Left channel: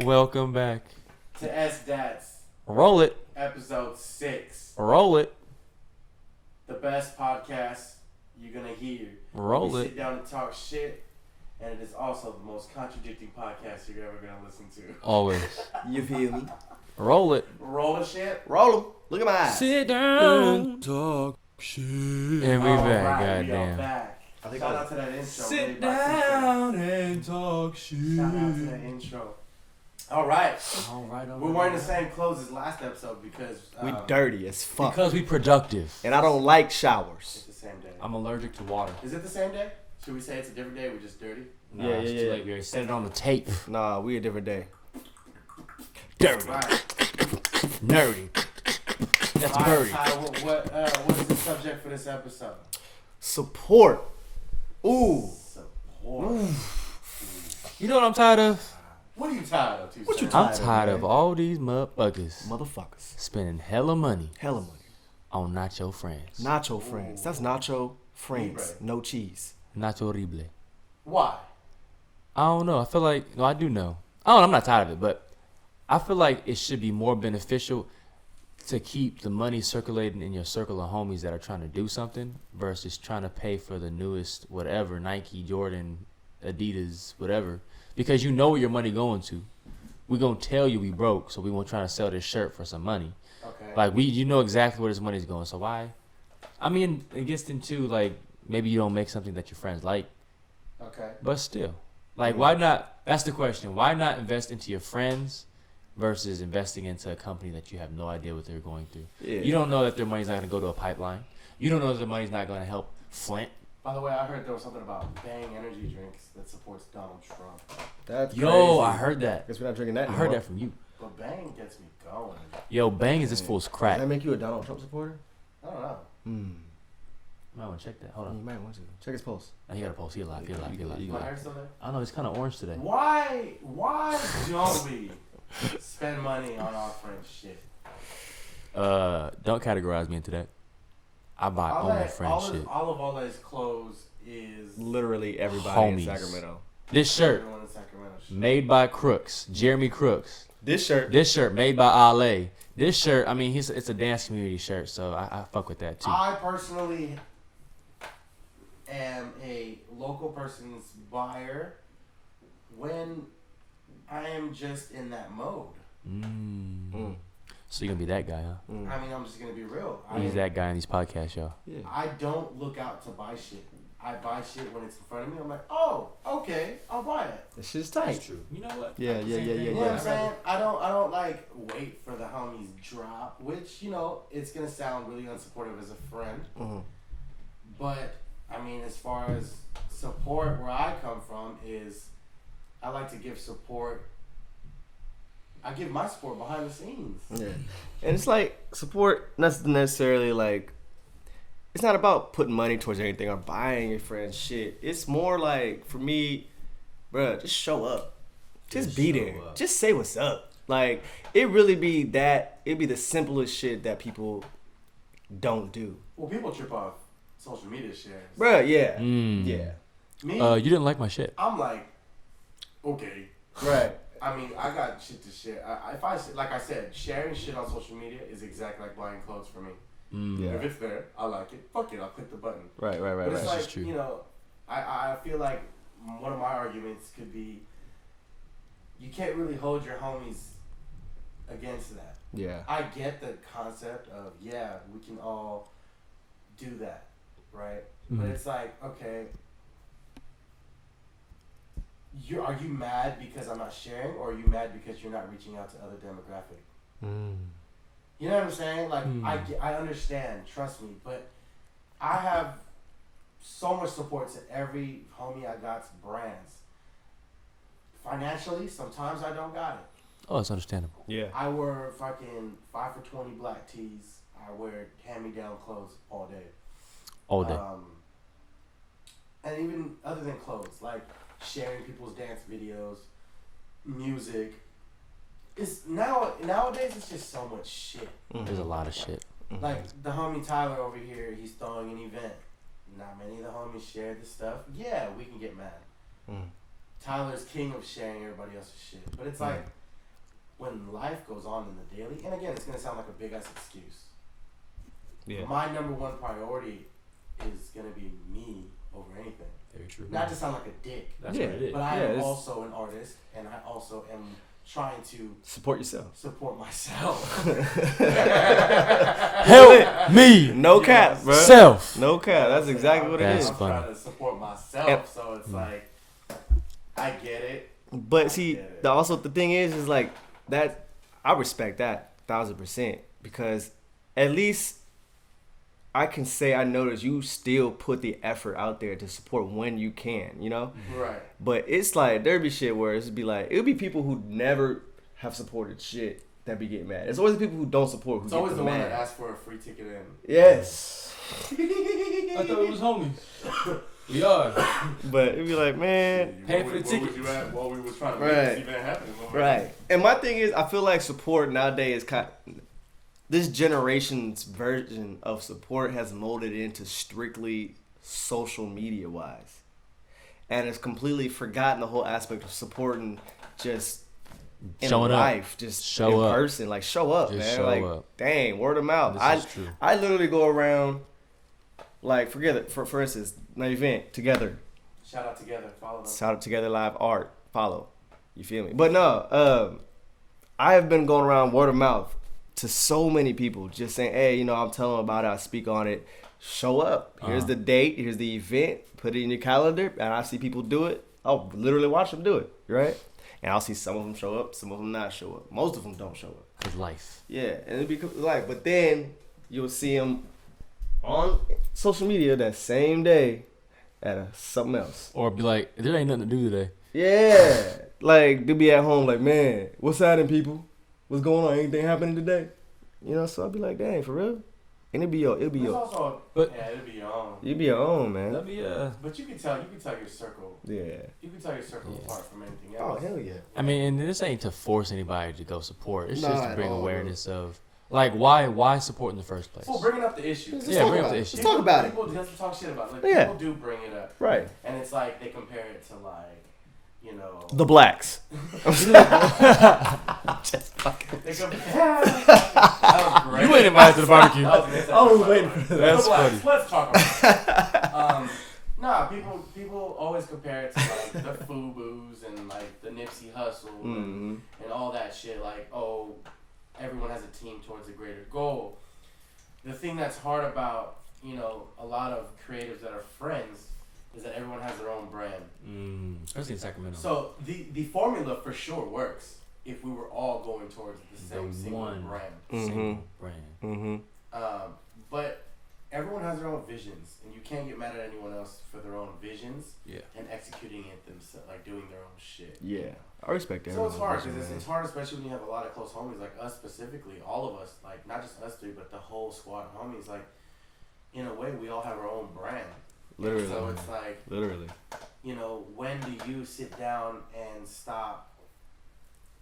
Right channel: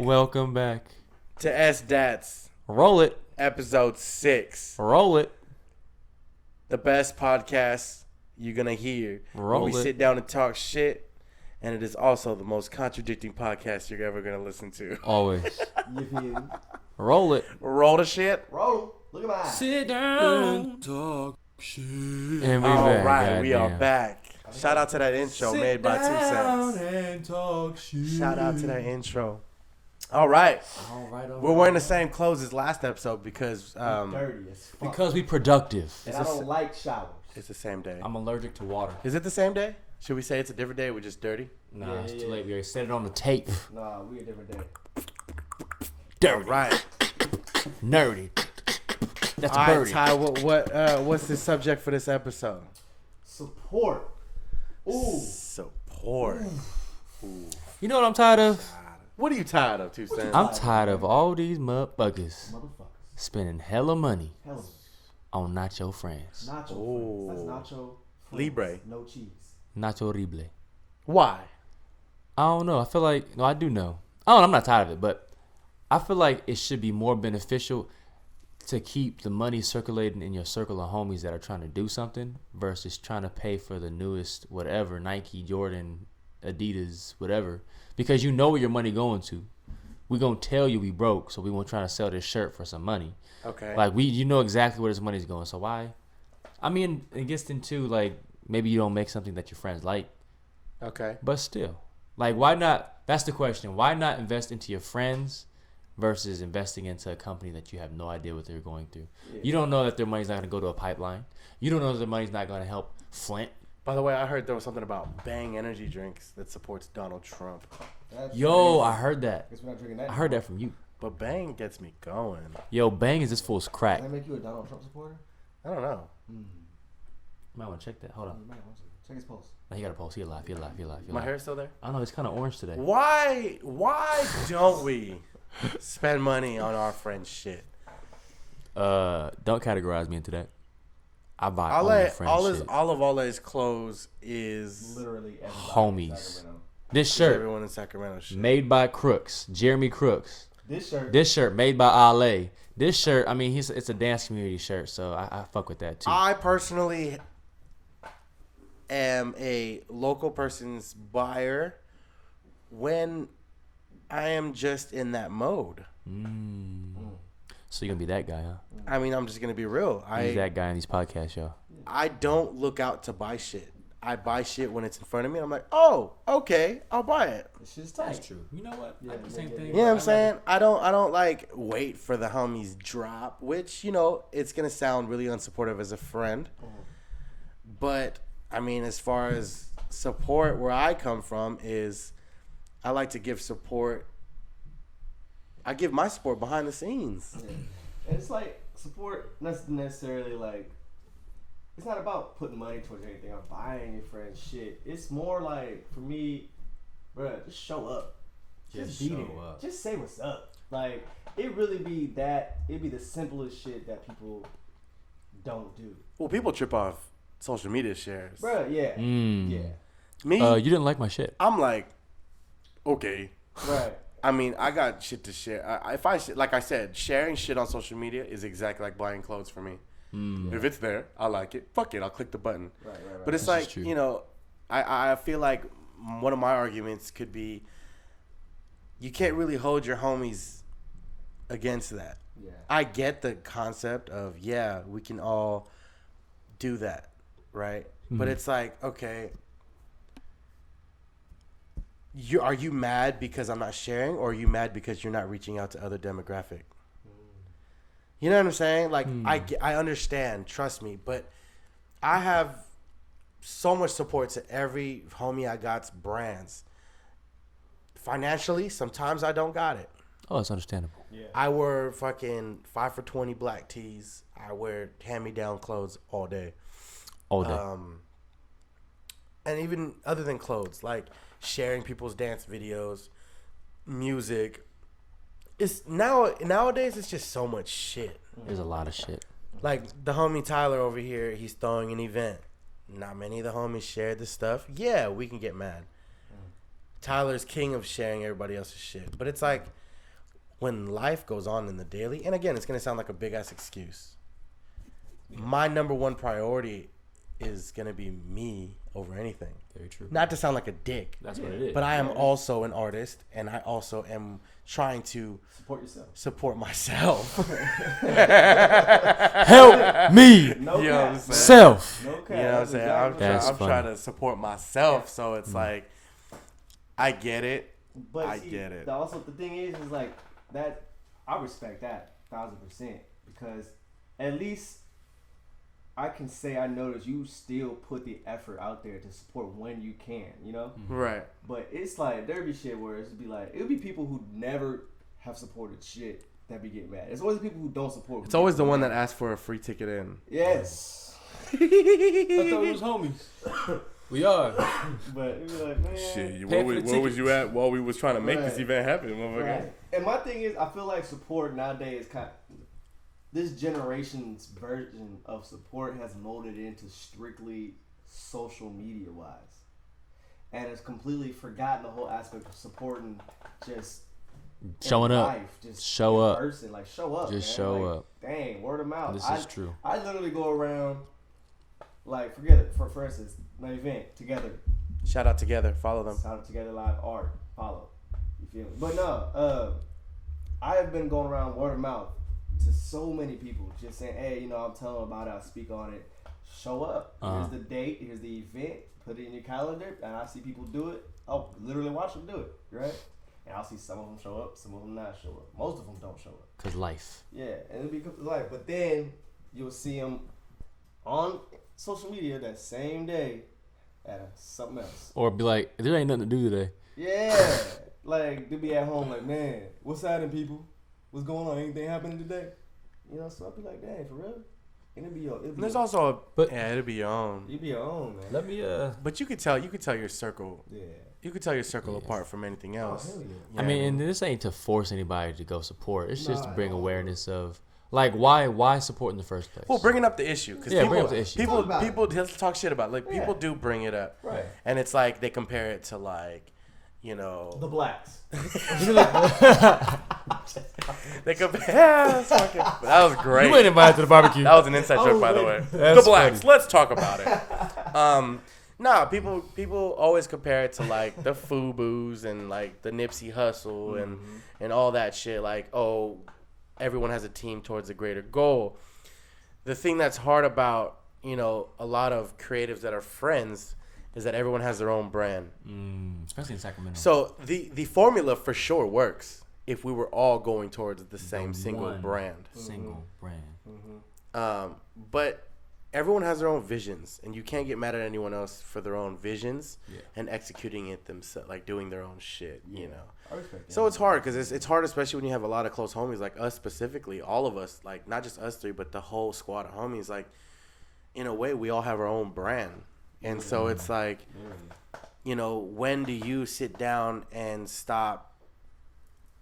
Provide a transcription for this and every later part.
Welcome back to SDATS. Roll it. Episode 6. Roll it. The best podcast you're going to hear. Roll we it. sit down and talk shit. And it is also the most contradicting podcast you're ever going to listen to. Always. You feel me? Roll it. Roll the shit. Roll them. Look at my eyes. Sit down. Talk shit. And we back, right, we are goddamn. back. Shout out to that intro made Sit by 2 down Cents. and talk shit. Shout out to that intro. All right. All right, We're wearing the same clothes as last episode because We dirty as fuck. Because we productive. And I don't like showers. it's the same day. I'm allergic to water. Is it the same day? Should we say it's a different day? We're just dirty. Nah, Yeah, it's yeah, too yeah. late. We already said it on the tape. Nah, we a different day. Dirty. Right. Nerdy. That's a All right, birdie. Ty, what's the subject for this episode? Support. Ooh. Support. You know what I'm tired of? What are you tired of, 2 What you Cents? I'm tired of all these motherfuckers Motherfuckers. spending hella money Hella money. on nacho friends. Nacho friends. That's nacho friends. Libre. No cheese. Nacho horrible. Why? I don't know. I feel like, no, I do know. I don't know. I'm not tired of it, but I feel like it should be more beneficial to keep the money circulating in your circle of homies that are trying to do something versus trying to pay for the newest whatever, Nike, Jordan, Adidas, whatever, because you know where your money going to. We gonna tell you we broke, so we won't try to sell this shirt for some money. Okay. Like you know exactly where this money's going. So why? I mean, it gets into like maybe you don't make something that your friends like, Okay. but still, like why not? That's the question. Why not invest into your friends versus investing into a company that you have no idea what they're going through? Yeah. You don't know that their money's not gonna go to a pipeline. You don't know that their money's not gonna help Flint. By the way, I heard there was something about Bang energy drinks that supports Donald Trump. That's Yo, crazy. I heard that. Guess we're not drinking that I heard anymore. that from you. But Bang gets me going. Yo, Bang is this fool's crack. Does that make you a Donald Trump supporter? I don't know. Hmm. I might want to check that. Hold You on. might want to. Check his pulse. Oh, he got a pulse. He alive. He alive. He alive. He My alive. hair's still there? I don't know. It's kind of orange today. Why don't we spend money on our friends' shit? Don't categorize me into that. I buy only friend shit. All of Ole's clothes is Literally everybody Homies. in Sacramento. This shirt everyone in Sacramento shit. made by Crooks, Jeremy Crooks. This shirt. This shirt made by Ale. This shirt, I mean, it's a dance community shirt, so I fuck with that too. I personally am a local person's buyer when I am just in that mode. So you're gonna be that guy, huh? I mean, I'm just gonna be real. He's that guy in these podcasts, y'all. I don't look out to buy shit. I buy shit when it's in front of me. I'm like, oh, okay, I'll buy it. This shit's tight. That's true. You know what? Yeah, yeah, yeah, yeah. You know what I'm saying? I don't like wait for the homies drop, which, you know, it's gonna sound really unsupportive as a friend. But I mean, as far as support, where I come from is I like to give support. I give my support behind the scenes. Yeah. And it's like support, not necessarily like, it's not about putting money towards anything or buying your friends shit. It's more like, for me, bruh, just show up. Just be show there. up. Just say what's up. Like, it really be that, it'd be the simplest shit that people don't do. Well, people trip off social media shares. Bruh, yeah. Mm. Yeah. Me, You didn't like my shit. I'm like, okay. Right. I mean, I got shit to share. Like I said, sharing shit on social media is exactly like buying clothes for me. Yeah. If it's there, I like it. Fuck it, I'll click the button. Right. But it's That's like, just true. you know, I feel like one of my arguments could be you can't really hold your homies against that. Yeah. I get the concept of, yeah, we can all do that, right? But it's like, okay, are you mad because I'm not sharing, or are you mad because you're not reaching out to other demographic? You know what I'm saying? Like, I understand, trust me, but I have so much support to every homie I got's brands. Financially, sometimes I don't got it. Oh, it's understandable. Yeah. I wear fucking 5 for $20 black tees. I wear hand-me-down clothes all day. All day. And even other than clothes, like sharing people's dance videos, music. It's nowadays it's just so much shit. There's a lot of shit. Like the homie Tyler over here, he's throwing an event. not many of the homies shared the stuff. Yeah, we can get mad. Tyler's king of sharing everybody else's shit. But it's like, when life goes on in the daily, and again, it's going to sound like a big-ass excuse. Yeah. My number one priority is going to be me over anything. Very true. Not to sound like a dick. That's what it is. But I am also an artist, and I also am trying to support yourself. Support myself. Help me. No cap, bro. Self. No cap. That's exactly what it is. I'm trying to support myself, so it's like, I get it. But see, also the thing is like that. I respect that 1,000% because at least I can say I notice you still put the effort out there to support when you can, you know? Right. But it's like, there'd be shit where it'd be like, it'll be people who never have supported shit that be getting mad. It's always the people who don't support. It's always the one that asks for a free ticket in. Yes. I thought it was homies. We are. But it'd be like, man. Shit, where was you at while we was trying to make this event happen? Right. And my thing is, I feel like support nowadays is this generation's version of support has molded into strictly social media wise. And it's completely forgotten the whole aspect of supporting just showing in up. Life, just show in up. person. Like show up. Just man. show like, up. Dang, word of mouth. This is true. I literally go around, like, forget it. For instance, my event, Together. Shout out Together. Follow them. Shout out Together Live Art. Follow. You feel me? But no, I have been going around word of mouth to so many people, just saying, hey, you know, I'm telling them about it, I speak on it. Show up. Here's the date. Here's the event. Put it in your calendar. And I see people do it. I'll literally watch them do it, right? And I'll see some of them show up, some of them not show up. Most of them don't show up. Cause life. Yeah, and it becomes life. But then you'll see them on social media that same day at something else. Or be like, there ain't nothing to do today. Yeah. Like, they'll be at home like, man, what's happening, people? What's going on? Anything happening today? You know, so I'll be like, dang, for real? And it'll be your it'll be your own. You'll be your own, man. That'd be But you could tell your circle. Yeah. You could tell your circle apart from anything else. Oh, hell yeah. I mean, and this ain't to force anybody to go support. It's just to bring awareness of, like, why support in the first place? Well, bringing up the issue. Yeah, bring up the issue. People have to talk shit about it. Like, people do bring it up. Right. And it's like they compare it to, like, you know, the blacks. Just fucking. They compare. That was great. You ain't invited to the barbecue. That was an inside joke, by the way. That's the blacks. funny. Let's talk about it. Nah, people always compare it to like the FUBUs and like the Nipsey Hussle and all that shit. Like, oh, everyone has a team towards a greater goal. The thing that's hard about, you know, a lot of creatives that are friends is that everyone has their own brand. Especially in Sacramento. So the formula for sure works if we were all going towards the same single brand. Single brand. But everyone has their own visions, and you can't get mad at anyone else for their own visions and executing it themselves, like doing their own shit. Yeah, you know? I respect that. So it's hard because it's hard, especially when you have a lot of close homies, like us specifically, all of us, like not just us three, but the whole squad of homies. Like, in a way, we all have our own brand. Literally. And so it's like, you know, when do you sit down and stop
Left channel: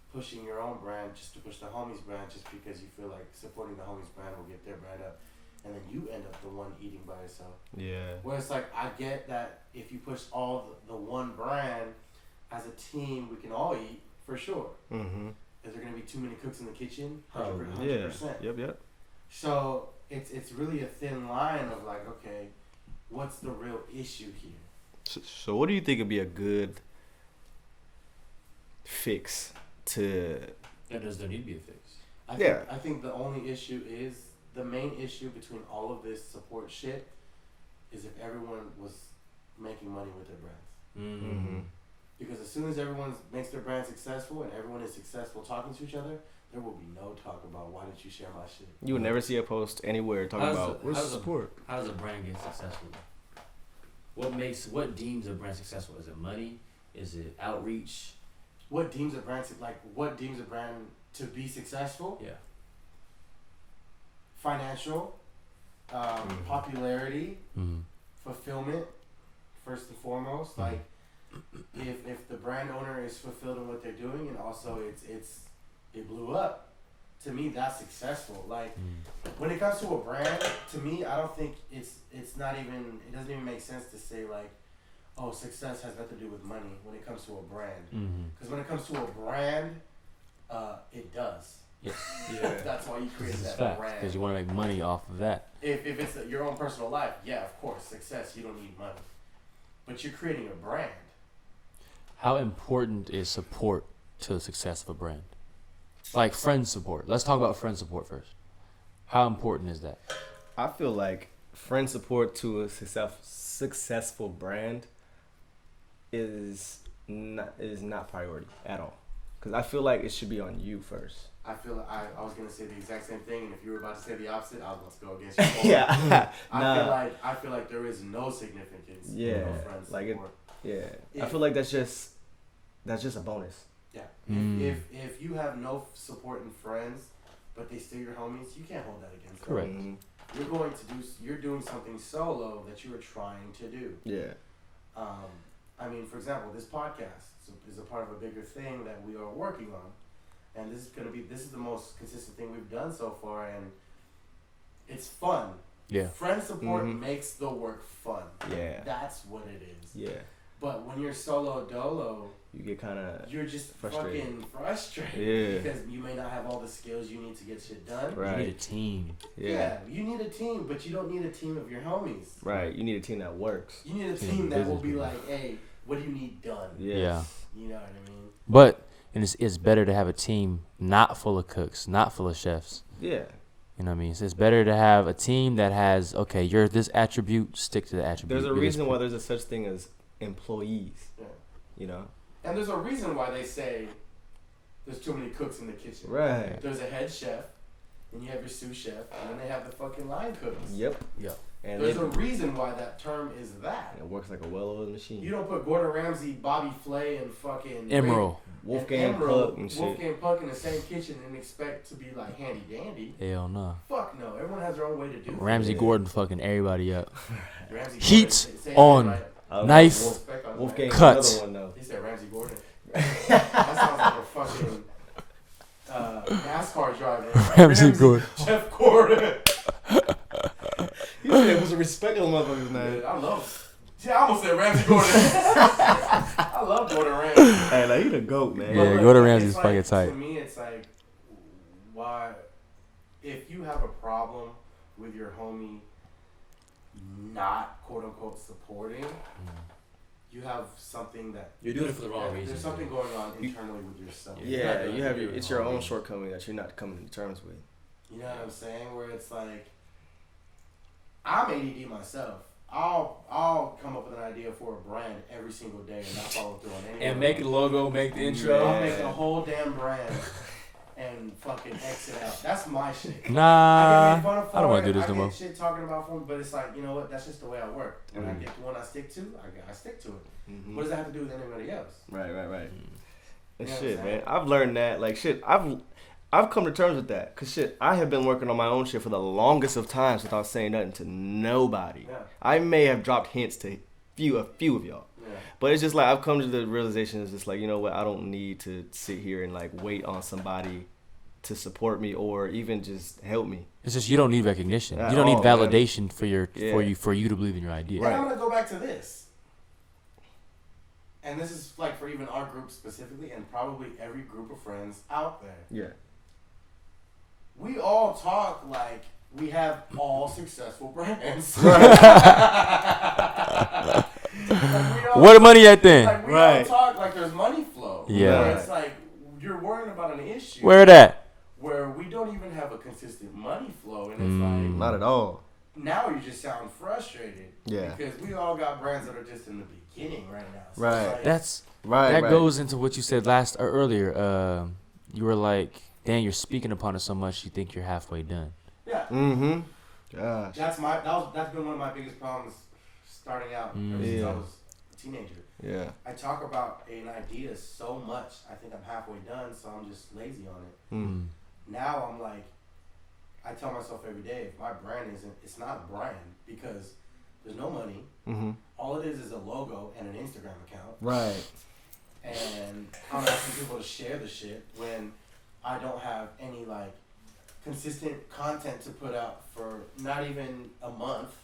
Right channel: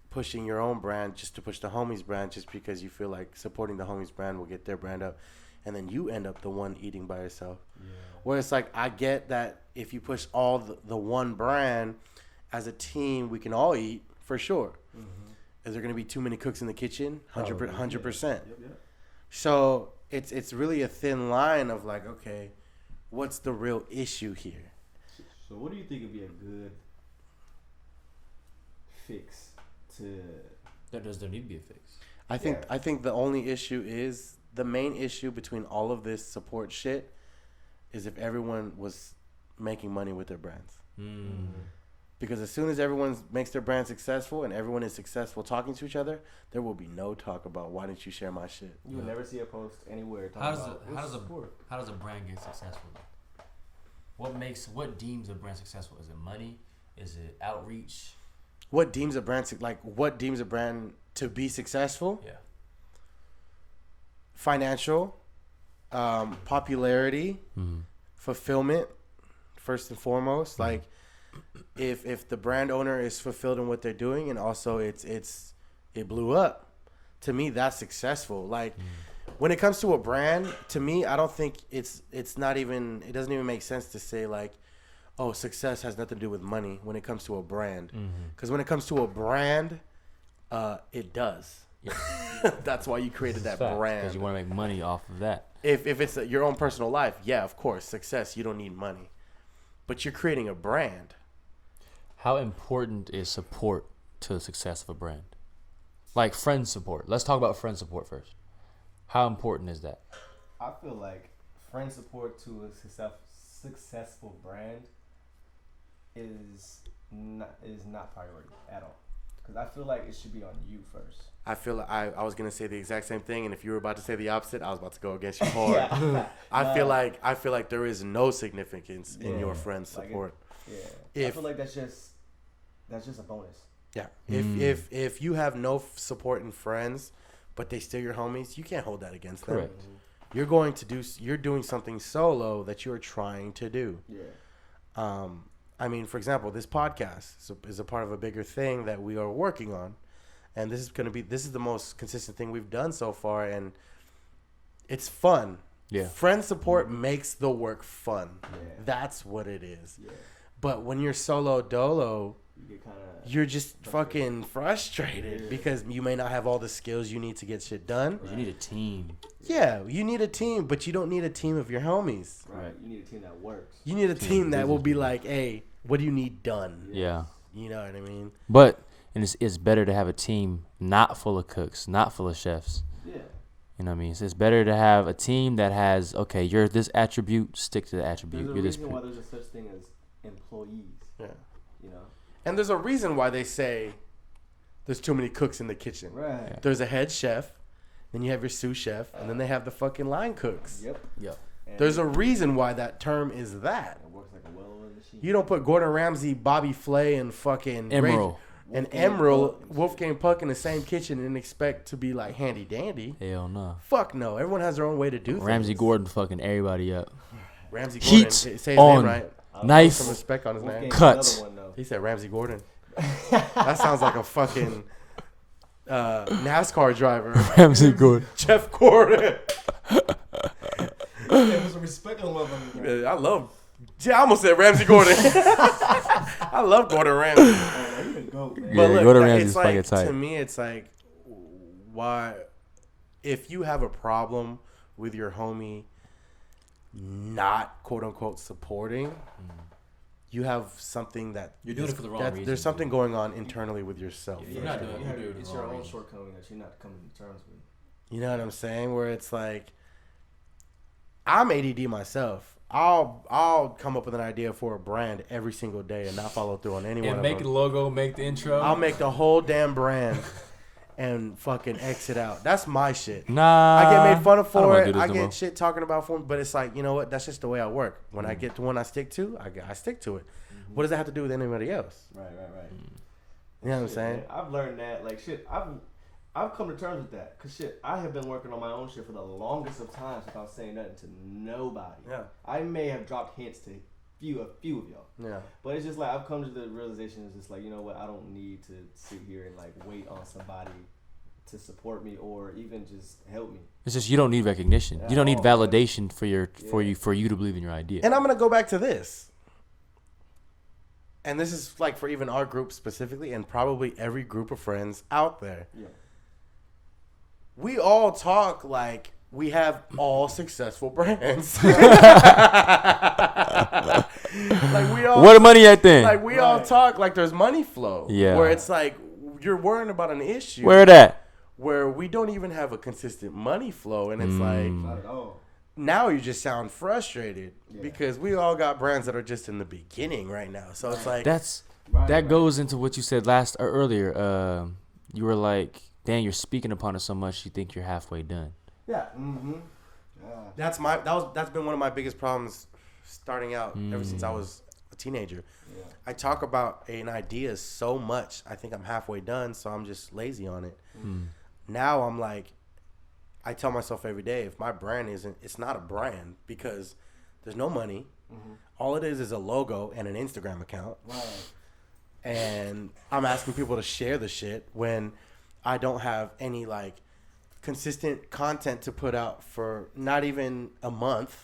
pushing your own brand just to push the homies brand just because you feel like supporting the homies brand will get their brand up, and then you end up the one eating by yourself. Yeah. Where it's like, I get that if you push all the one brand as a team, we can all eat for sure. Is there going to be too many cooks in the kitchen? 100%. Yep. So it's really a thin line of like, okay, what's the real issue here? So what do you think would be a good fix to? Does there need to be a fix? I think the only issue is the main issue between all of this support shit is if everyone was making money with their brands. Because as soon as everyone makes their brand successful and everyone is successful talking to each other, there will be no talk about why didn't you share my shit. You would never see a post anywhere talking about support. How does a brand get successful? What deems a brand successful? Is it money? Is it outreach? What deems a brand to be successful? Yeah. Financial, popularity, fulfillment, first and foremost. Like, if the brand owner is fulfilled in what they're doing, and also it blew up, to me, that's successful. Like, when it comes to a brand, to me, I don't think it's not even, it doesn't even make sense to say, like, oh, success has nothing to do with money when it comes to a brand. Because when it comes to a brand, it does. Yeah. That's why you created that brand. Because you want to make money off of that. If it's your own personal life, yeah, of course, success, you don't need money. But you're creating a brand. How important is support to the success of a brand? Like friend support. Let's talk about friend support first. How important is that? I feel like friend support to a successful brand is not priority at all. Because I feel like it should be on you first. I feel like I was gonna say the exact same thing, and if you were about to say the opposite, I was about to go against you. More. Yeah. I feel like there is no significance in your friend support. I feel like that's just a bonus. Yeah. If you have no support in friends, but they still your homies, you can't hold that against them. Correct. You're doing something solo that you're trying to do. Yeah. I mean, for example, this podcast is a part of a bigger thing that we are working on. And this is the most consistent thing we've done so far, and it's fun. Yeah. Friend support makes the work fun. Yeah. That's what it is. Yeah. But when you're solo dolo, You get kind of... you're just fucking frustrated because you may not have all the skills you need to get shit done. Right. You need a team. Yeah, you need a team, but you don't need a team of your homies. Right. You need a team that works. You need a team that will be like, hey, what do you need done? Yeah. You know what I mean? But it's better to have a team not full of cooks, not full of chefs. Yeah. You know what I mean? So it's better to have a team that has, okay, you're this attribute, stick to the attribute. There's a reason why there's a such thing as employees. Yeah. You know? And there's a reason why they say there's too many cooks in the kitchen. Right. Yeah. There's a head chef, then you have your sous chef, and then they have the fucking line cooks. Yep. And There's a reason why that term is that. It works like a well-oiled machine. You don't put Gordon Ramsay, Bobby Flay, and fucking Emerald. Wolfgang Puck in the same kitchen and expect to be like handy dandy. Hell no. Fuck no. Everyone has their own way to do Ramsey things. Gordon fucking everybody up. Ramsey Heat Gordon. Say his name on. right. Knife. Some respect on his name. Wolfgang's Cut. another one, though. He said Ramsey Gordon. That sounds like a fucking NASCAR driver. Ramsey Gordon. Jeff Gordon. He said respect on motherfuckers. I almost said Ramsey Gordon. I love Gordon Ramsay. Hey, like, you the GOAT, man. Yeah, Look, Gordon it's Ramsay's like, fucking tight. To me, it's like, why, if you have a problem with your homie not quote unquote supporting, you have something that You're doing it for the wrong reason. There's something going on internally with yourself. Yeah, doing it's your own shortcoming that you're not coming to terms with. You know what I'm saying? Where it's like, I'm ADD myself. I'll come up with an idea for a brand every single day and not follow through on any one And of make them. the logo, make the intro. I'll make the whole damn brand and fucking exit out. That's my shit. Nah. I get made fun of I for don't want it. to do this I no get more. shit talking about for me, but it's like, you know what? That's just the way I work. When I get to one I stick to, I stick to it. What does that have to do with anybody else? Right. You know what I'm saying? Man. I've learned that. Like, shit, I've come to terms with that. Because, shit, I have been working on my own shit for the longest of times without saying nothing to nobody. Yeah. I may have dropped hints to a few of y'all. Yeah. But it's just like, I've come to the realization, it's just like, you know what, I don't need to sit here and, like, wait on somebody to support me or even just help me. It's just you don't need recognition. At You don't need all, validation man. for you to believe in your idea. And I'm going to go back to this. And this is like for even our group specifically and probably every group of friends out there. Yeah. We all talk like we have all successful brands. Where the money at then? Like we all talk like there's money flow. Yeah. Where it's like you're worrying about an issue. Where that? Where we don't even have a consistent money flow, and it's like Not at all. now you just sound frustrated. Yeah. Because we all got brands that are just in the beginning right now. So it's like That goes into what you said earlier. You were like, "Dan, you're speaking upon it so much, you think you're halfway done." yeah. Mm-hmm. Gosh. That's been one of my biggest problems starting out ever since I was a teenager. Yeah. I talk about an idea so much. I think I'm halfway done, so I'm just lazy on it. Now I'm like, I tell myself every day, if my brand it's not a brand because there's no money. All it is a logo and an Instagram account. Right. And I'm asking people to share the shit when I don't have any like consistent content to put out for not even a month.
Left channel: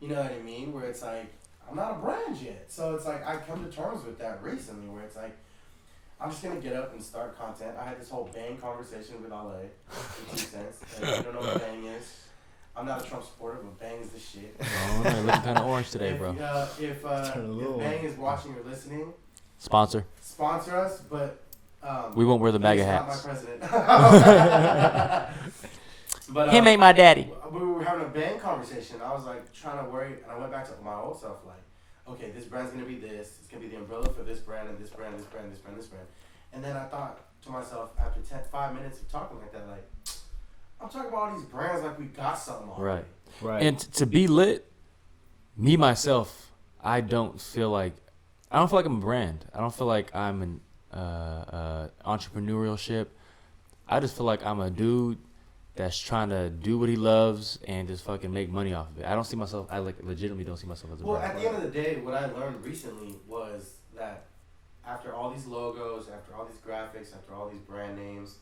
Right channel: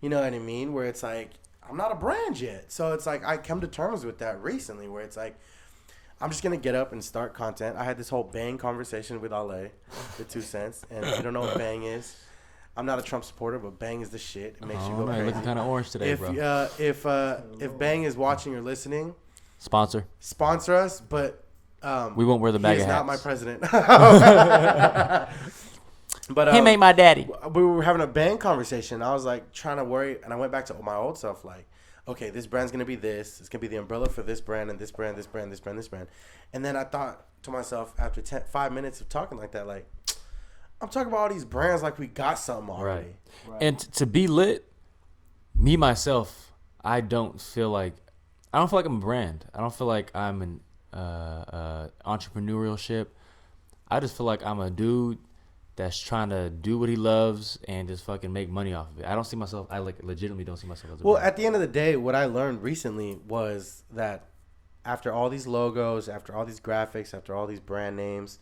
You know what I mean? Where it's like, I'm not a brand yet. So it's like, I come to terms with that recently where it's like, I'm just going to get up and start content. I had this whole Bang conversation with Ale, with 2 Cents. And if you don't know what Bang is, I'm not a Trump supporter, but Bang is the shit. Oh, no, you're looking kind of orange today, If, bro. if Bang is watching or listening, Sponsor. us, but We won't wear the bag he's of not my hats. president. But He made my daddy. we were having a Bang conversation. I was like trying to worry, and I went back to my old self, like, okay, this brand's gonna be this. It's gonna be the umbrella for this brand and this brand, this brand, this brand, this brand. And then I thought to myself after 5 minutes of talking like that, like, I'm talking about all these brands like we got something already. Right. And to be lit, me myself, I don't feel like I'm a brand. I don't feel like I'm an entrepreneurship. I just feel like I'm a dude that's trying to do what he loves and just fucking make money off of it. I don't see myself. I legitimately don't see myself as a Well, brand. at the end of the day, what I learned recently was that after all these logos, after all these graphics, after all these brand names,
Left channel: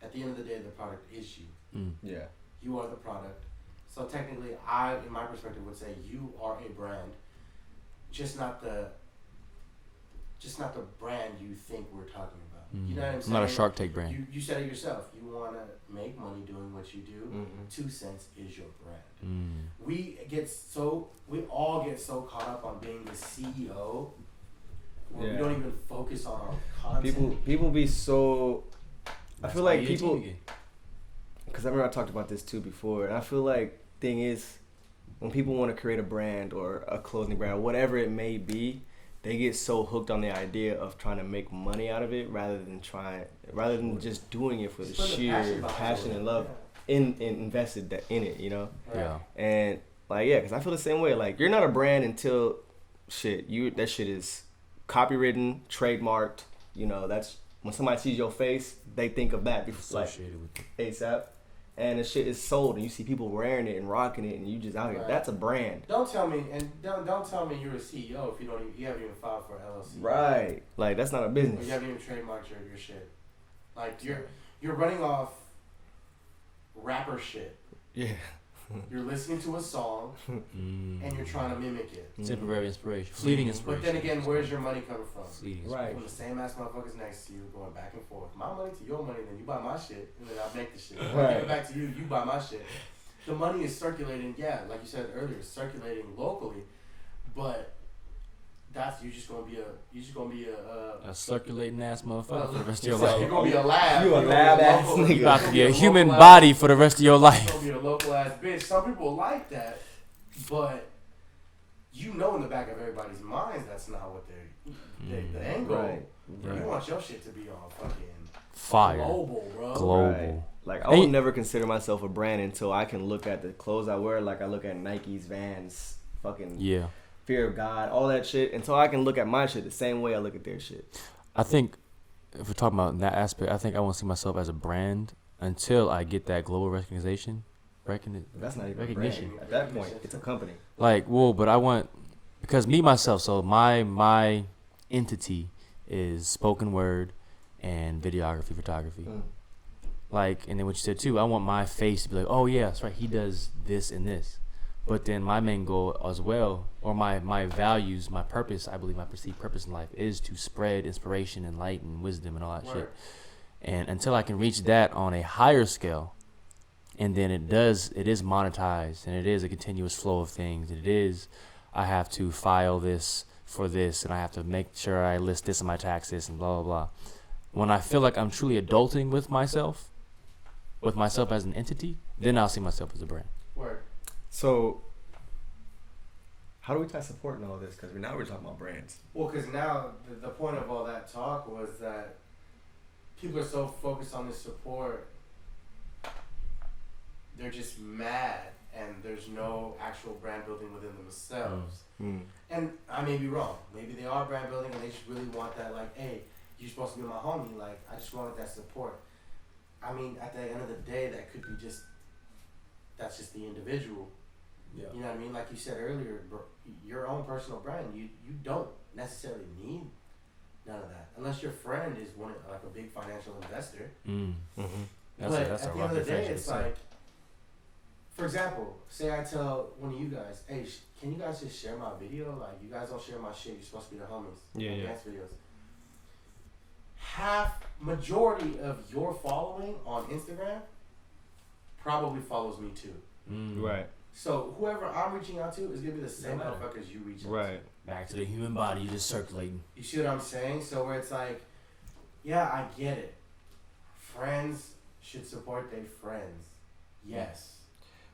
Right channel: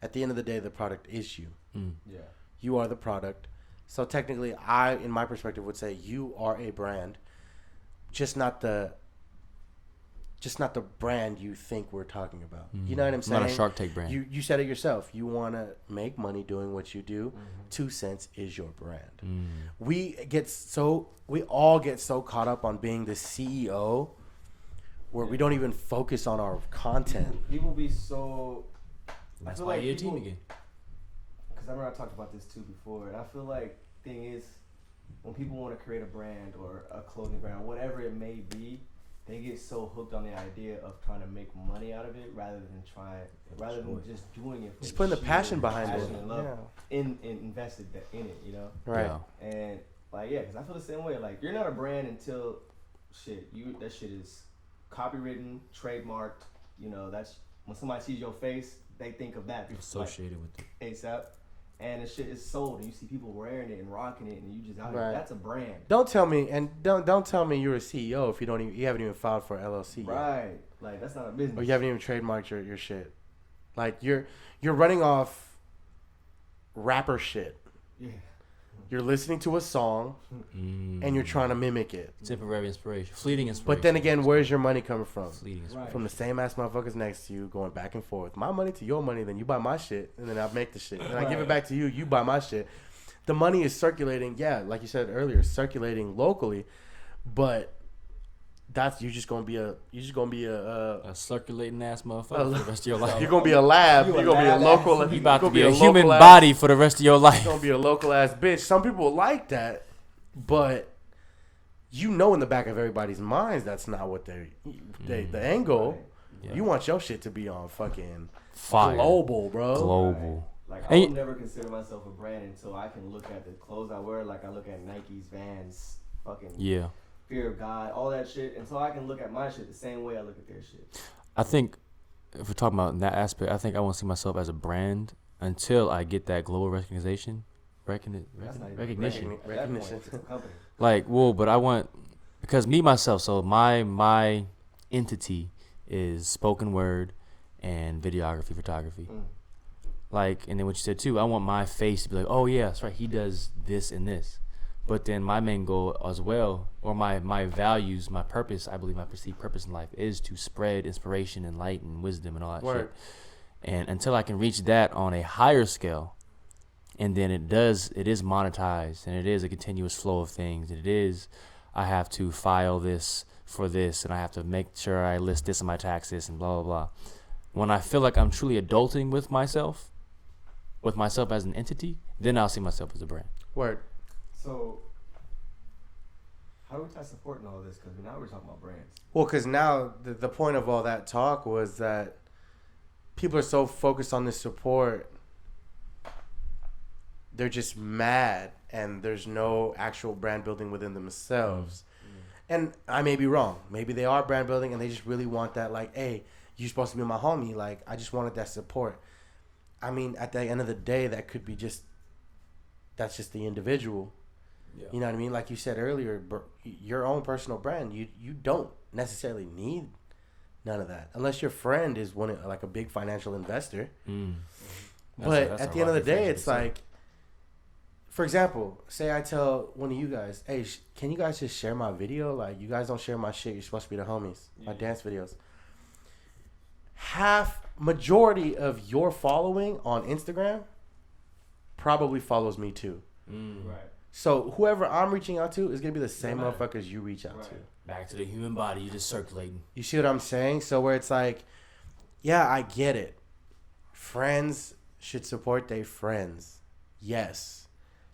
at the end of the day, the product is you. Yeah. You are the product. So technically, I, in my perspective, would say you are a brand, just not the brand you think we're talking about. You know what I'm saying? Not a Shark Tank brand. You said it yourself. You want to make money doing what you do. 2 Cents is your brand. We all get so caught up on being the CEO where we don't even focus on our content. People be so. I feel like people. again. Because I remember I talked about this too before, and I feel like thing is, when people want to create a brand or a clothing brand or whatever it may be, they get so hooked on the idea of trying to make money out of it rather than just doing it for Just the put the sheer passion behind it. and love in invested in it, you know. Right. Yeah. And because I feel the same way. Like, you're not a brand until that shit is copywritten, trademarked. You know, that's when somebody sees your face, they think of that Associated with it. ASAP. And the shit is sold, and you see people wearing it and rocking it, and you just out here. Right. That's a brand, Don't tell me you're a CEO if you haven't even filed for LLC. right? Like, that's not a Or business. you haven't even trademarked your shit. Like you're running off rapper shit. Yeah. You're listening to a song and you're trying to mimic it. Temporary inspiration. Fleeting inspiration. But then again, where's your money coming from? Fleeting inspiration. Right. From the same ass motherfuckers next to you, going back and forth. My money to your money, then you buy my shit, and then I'll make the shit. And I give it back to you, you buy my shit. The money is circulating, like you said earlier, circulating locally, but you're just gonna be a circulating ass motherfucker for the rest of your life. You're gonna be a lab. You're gonna be a local. You about to be a local human ass- body for the rest of your You're life. gonna be a local ass bitch. Some people like that, but you know, in the back of everybody's minds, that's not what the end goal. Right. Yeah. You want your shit to be on fucking Fire. global, bro. Global. Like, I And will never consider myself a brand until I can look at the clothes I wear. Like, I look at Nike's, Vans, fucking Yeah. Fear of God, all that shit. Until I can look at my shit the same way I look at their shit. I think if we're talking about that aspect, I think I won't see myself as a brand until I get that global recognition. That's not even Recognition. a brand. At that point, it's a company. But I want, because me myself, so my entity is spoken word and videography, photography. And then what you said too, I want my face to be like, oh yeah, that's right, he does this and this. But then my main goal as well, or my values, my purpose, I believe my perceived purpose in life is to spread inspiration and light and wisdom and all that shit. And until I can reach that on a higher scale, and then it is monetized, and it is a continuous flow of things, and I have to file this for this, and I have to make sure I list this in my taxes and blah, blah, blah. When I feel like I'm truly adulting with myself as an entity, then I'll see myself as a brand. Word. So, how do we tie support in all this? Because now we're talking about brands. Well, because now the point of all that talk was that people are so focused on this support, they're just mad, and there's no actual brand building within themselves. And I may be wrong. Maybe they are brand building, and they just really want that, like, hey, you're supposed to be my homie. Like, I just wanted that support. I mean, at the end of the day, that's just the individual. Yeah. You know what I mean? Like you said earlier, your own personal brand, you don't necessarily need none of that. Unless your friend is like a big financial investor. But That's at a the end of the rocky day, friendship it's itself. like, for example, say I tell one of you guys, hey, can you guys just share my video? Like, you guys don't share my shit. You're supposed to be the homies. Yeah, my yeah. dance videos. Majority of your following on Instagram probably follows me too. Right. So whoever I'm reaching out to is gonna be the same No matter. motherfuckers you reach out to. Right. Back to the human body, you just circulating. You see what I'm saying? So where it's like, yeah, I get it. Friends should support their friends. Yes.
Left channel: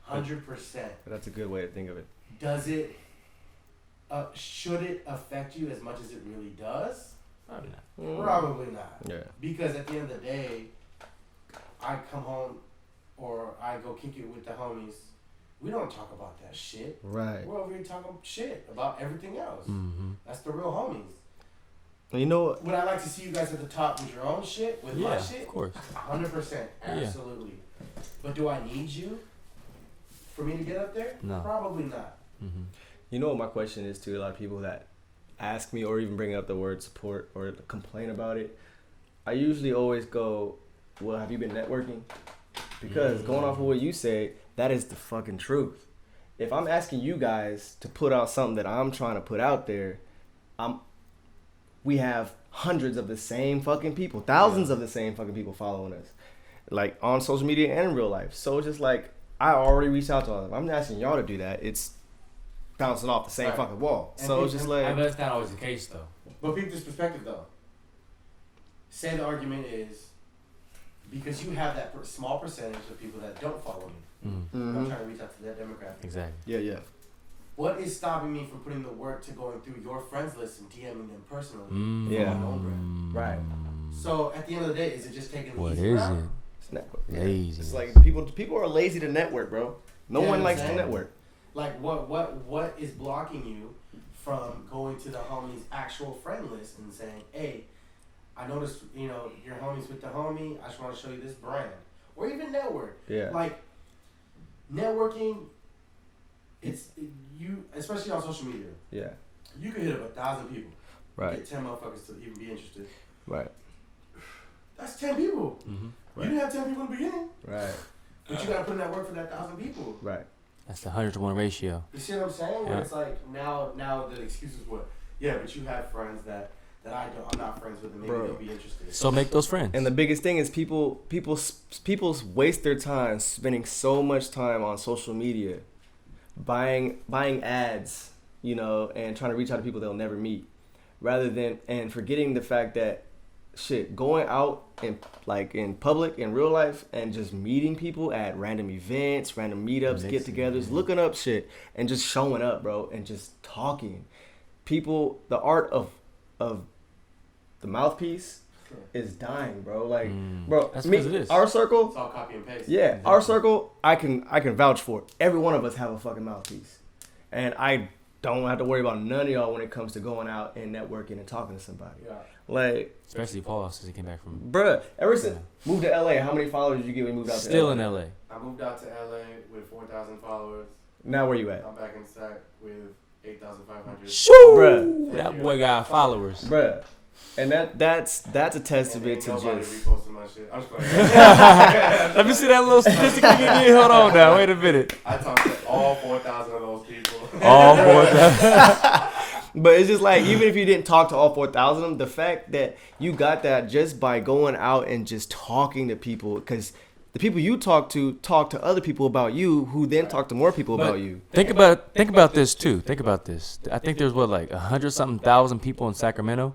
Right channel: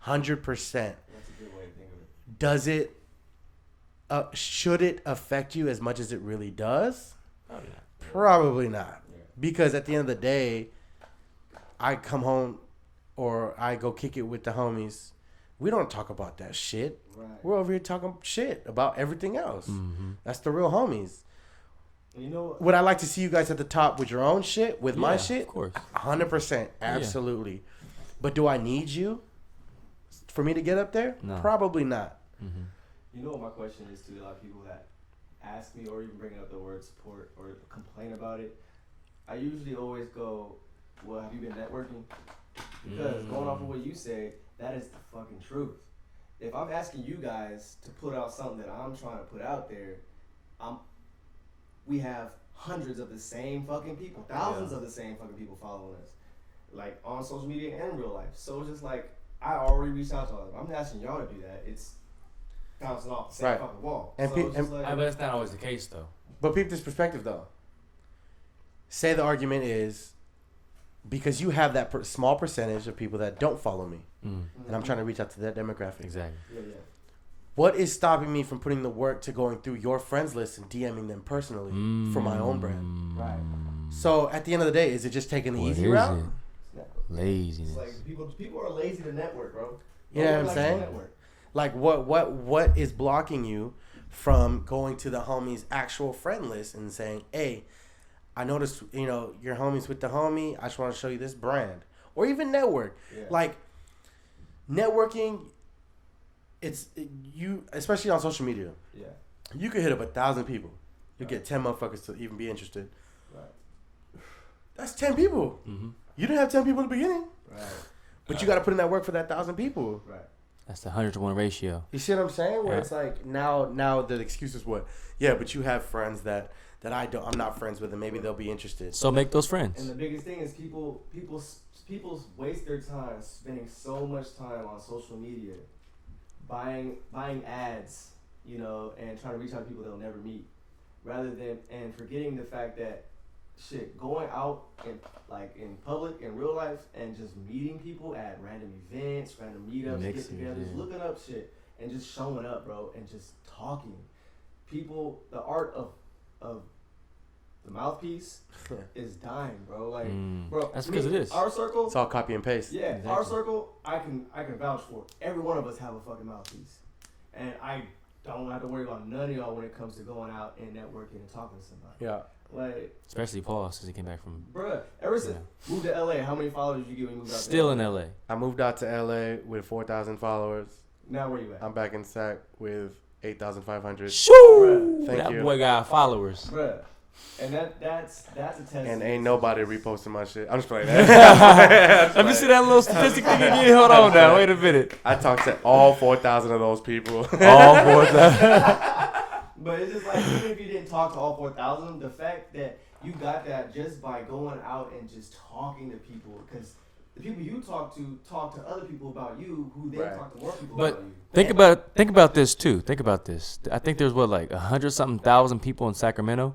100%. That's a good way to think of it. Does it, should it affect you as much as it really does? Probably not. Probably not. Yeah. Because at the end of the day, I come home or I go kick it with the homies. We don't talk about that shit. Right. We're over here talking shit about everything else. Mm-hmm. That's the real homies. You know what? Would I like to see you guys at the top with your own shit, with my shit? Of course. 100%. Absolutely. But do I need you for me to get up there? No. Probably not. Mm-hmm. You know what my question is to a lot of people that ask me or even bring up the word support or complain about it. I usually always go, well, have you been networking? Because going off of what you said, that is the fucking truth. If I'm asking you guys to put out something that I'm trying to put out there, we have hundreds of the same fucking people, thousands of the same fucking people following us, like on social media and in real life. So it's just like, I already reached out to all of them. I'm not asking y'all to do that. It's bouncing off the same Right. fucking wall. And So it's just like, But that's not always the case, though. But peep this perspective, though. Say the argument is because you have that small percentage of people that don't follow me. And I'm trying to reach out to that demographic. Exactly. yeah. What is stopping me from putting the work to going through your friends list and DMing them personally for my own brand? Right. So at the end of the day, is it just taking the What easy is route? it? It's network. Laziness. It's like people are lazy to network, bro. No Yeah, one I'm likes to saying. network. Like what is blocking you from going to the homies' actual friend list and saying, hey, I noticed, your homies with the homie. I just want to show you this brand. Or even network. Yeah. Like, networking, you, especially on social media, Yeah. you can hit up 1,000 people. Right. You get 10 motherfuckers to even be interested. Right. That's 10 people. Mm-hmm. You didn't have 10 people in the beginning. Right. But you got to put in that work for that 1,000 people. Right. That's the 100-to-1 ratio. You see what I'm saying? Where Yeah. it's like, now the excuse is what? Yeah, but you have friends that I'm not friends with, and maybe they'll be interested. So make those friends. And the biggest thing is people waste their time spending so much time on social media, buying ads, and trying to reach out to people they'll never meet, rather than and forgetting the fact that going out in public in real life and just meeting people at random events, random meetups, get-togethers, looking up shit and just showing up, bro, and just talking. People, the art of the mouthpiece is dying, bro. Like, bro, That's because it is. Our circle, It's all copy and paste. yeah, Exactly. our circle, I can vouch for it. Every one of us have a fucking mouthpiece, and I don't have to worry about none of y'all when it comes to going out and networking and talking to somebody. Yeah. Like, Especially Paul, since he came back from... bruh, ever since moved to LA, how many followers did you get when you moved out? Still to in LA? LA. I moved out to LA with 4,000 followers. Now where you at, I'm back in SAC with 8,500. Shoo! Bruh. Thank That you. boy got followers. bruh? And that's a testament. And ain't to nobody just- reposting my shit. I'm just playing. Let me see that little statistic again. Hold on now. Wait a minute. I talked to all 4,000 of those people. All 4,000. But it's just like, even if you didn't talk to all 4,000, the fact that you got that just by going out and just talking to people, because the people you talk to other people about you, who then talk to more people But about you. think about this too. Think about this. I think there's 100-something thousand people in Sacramento.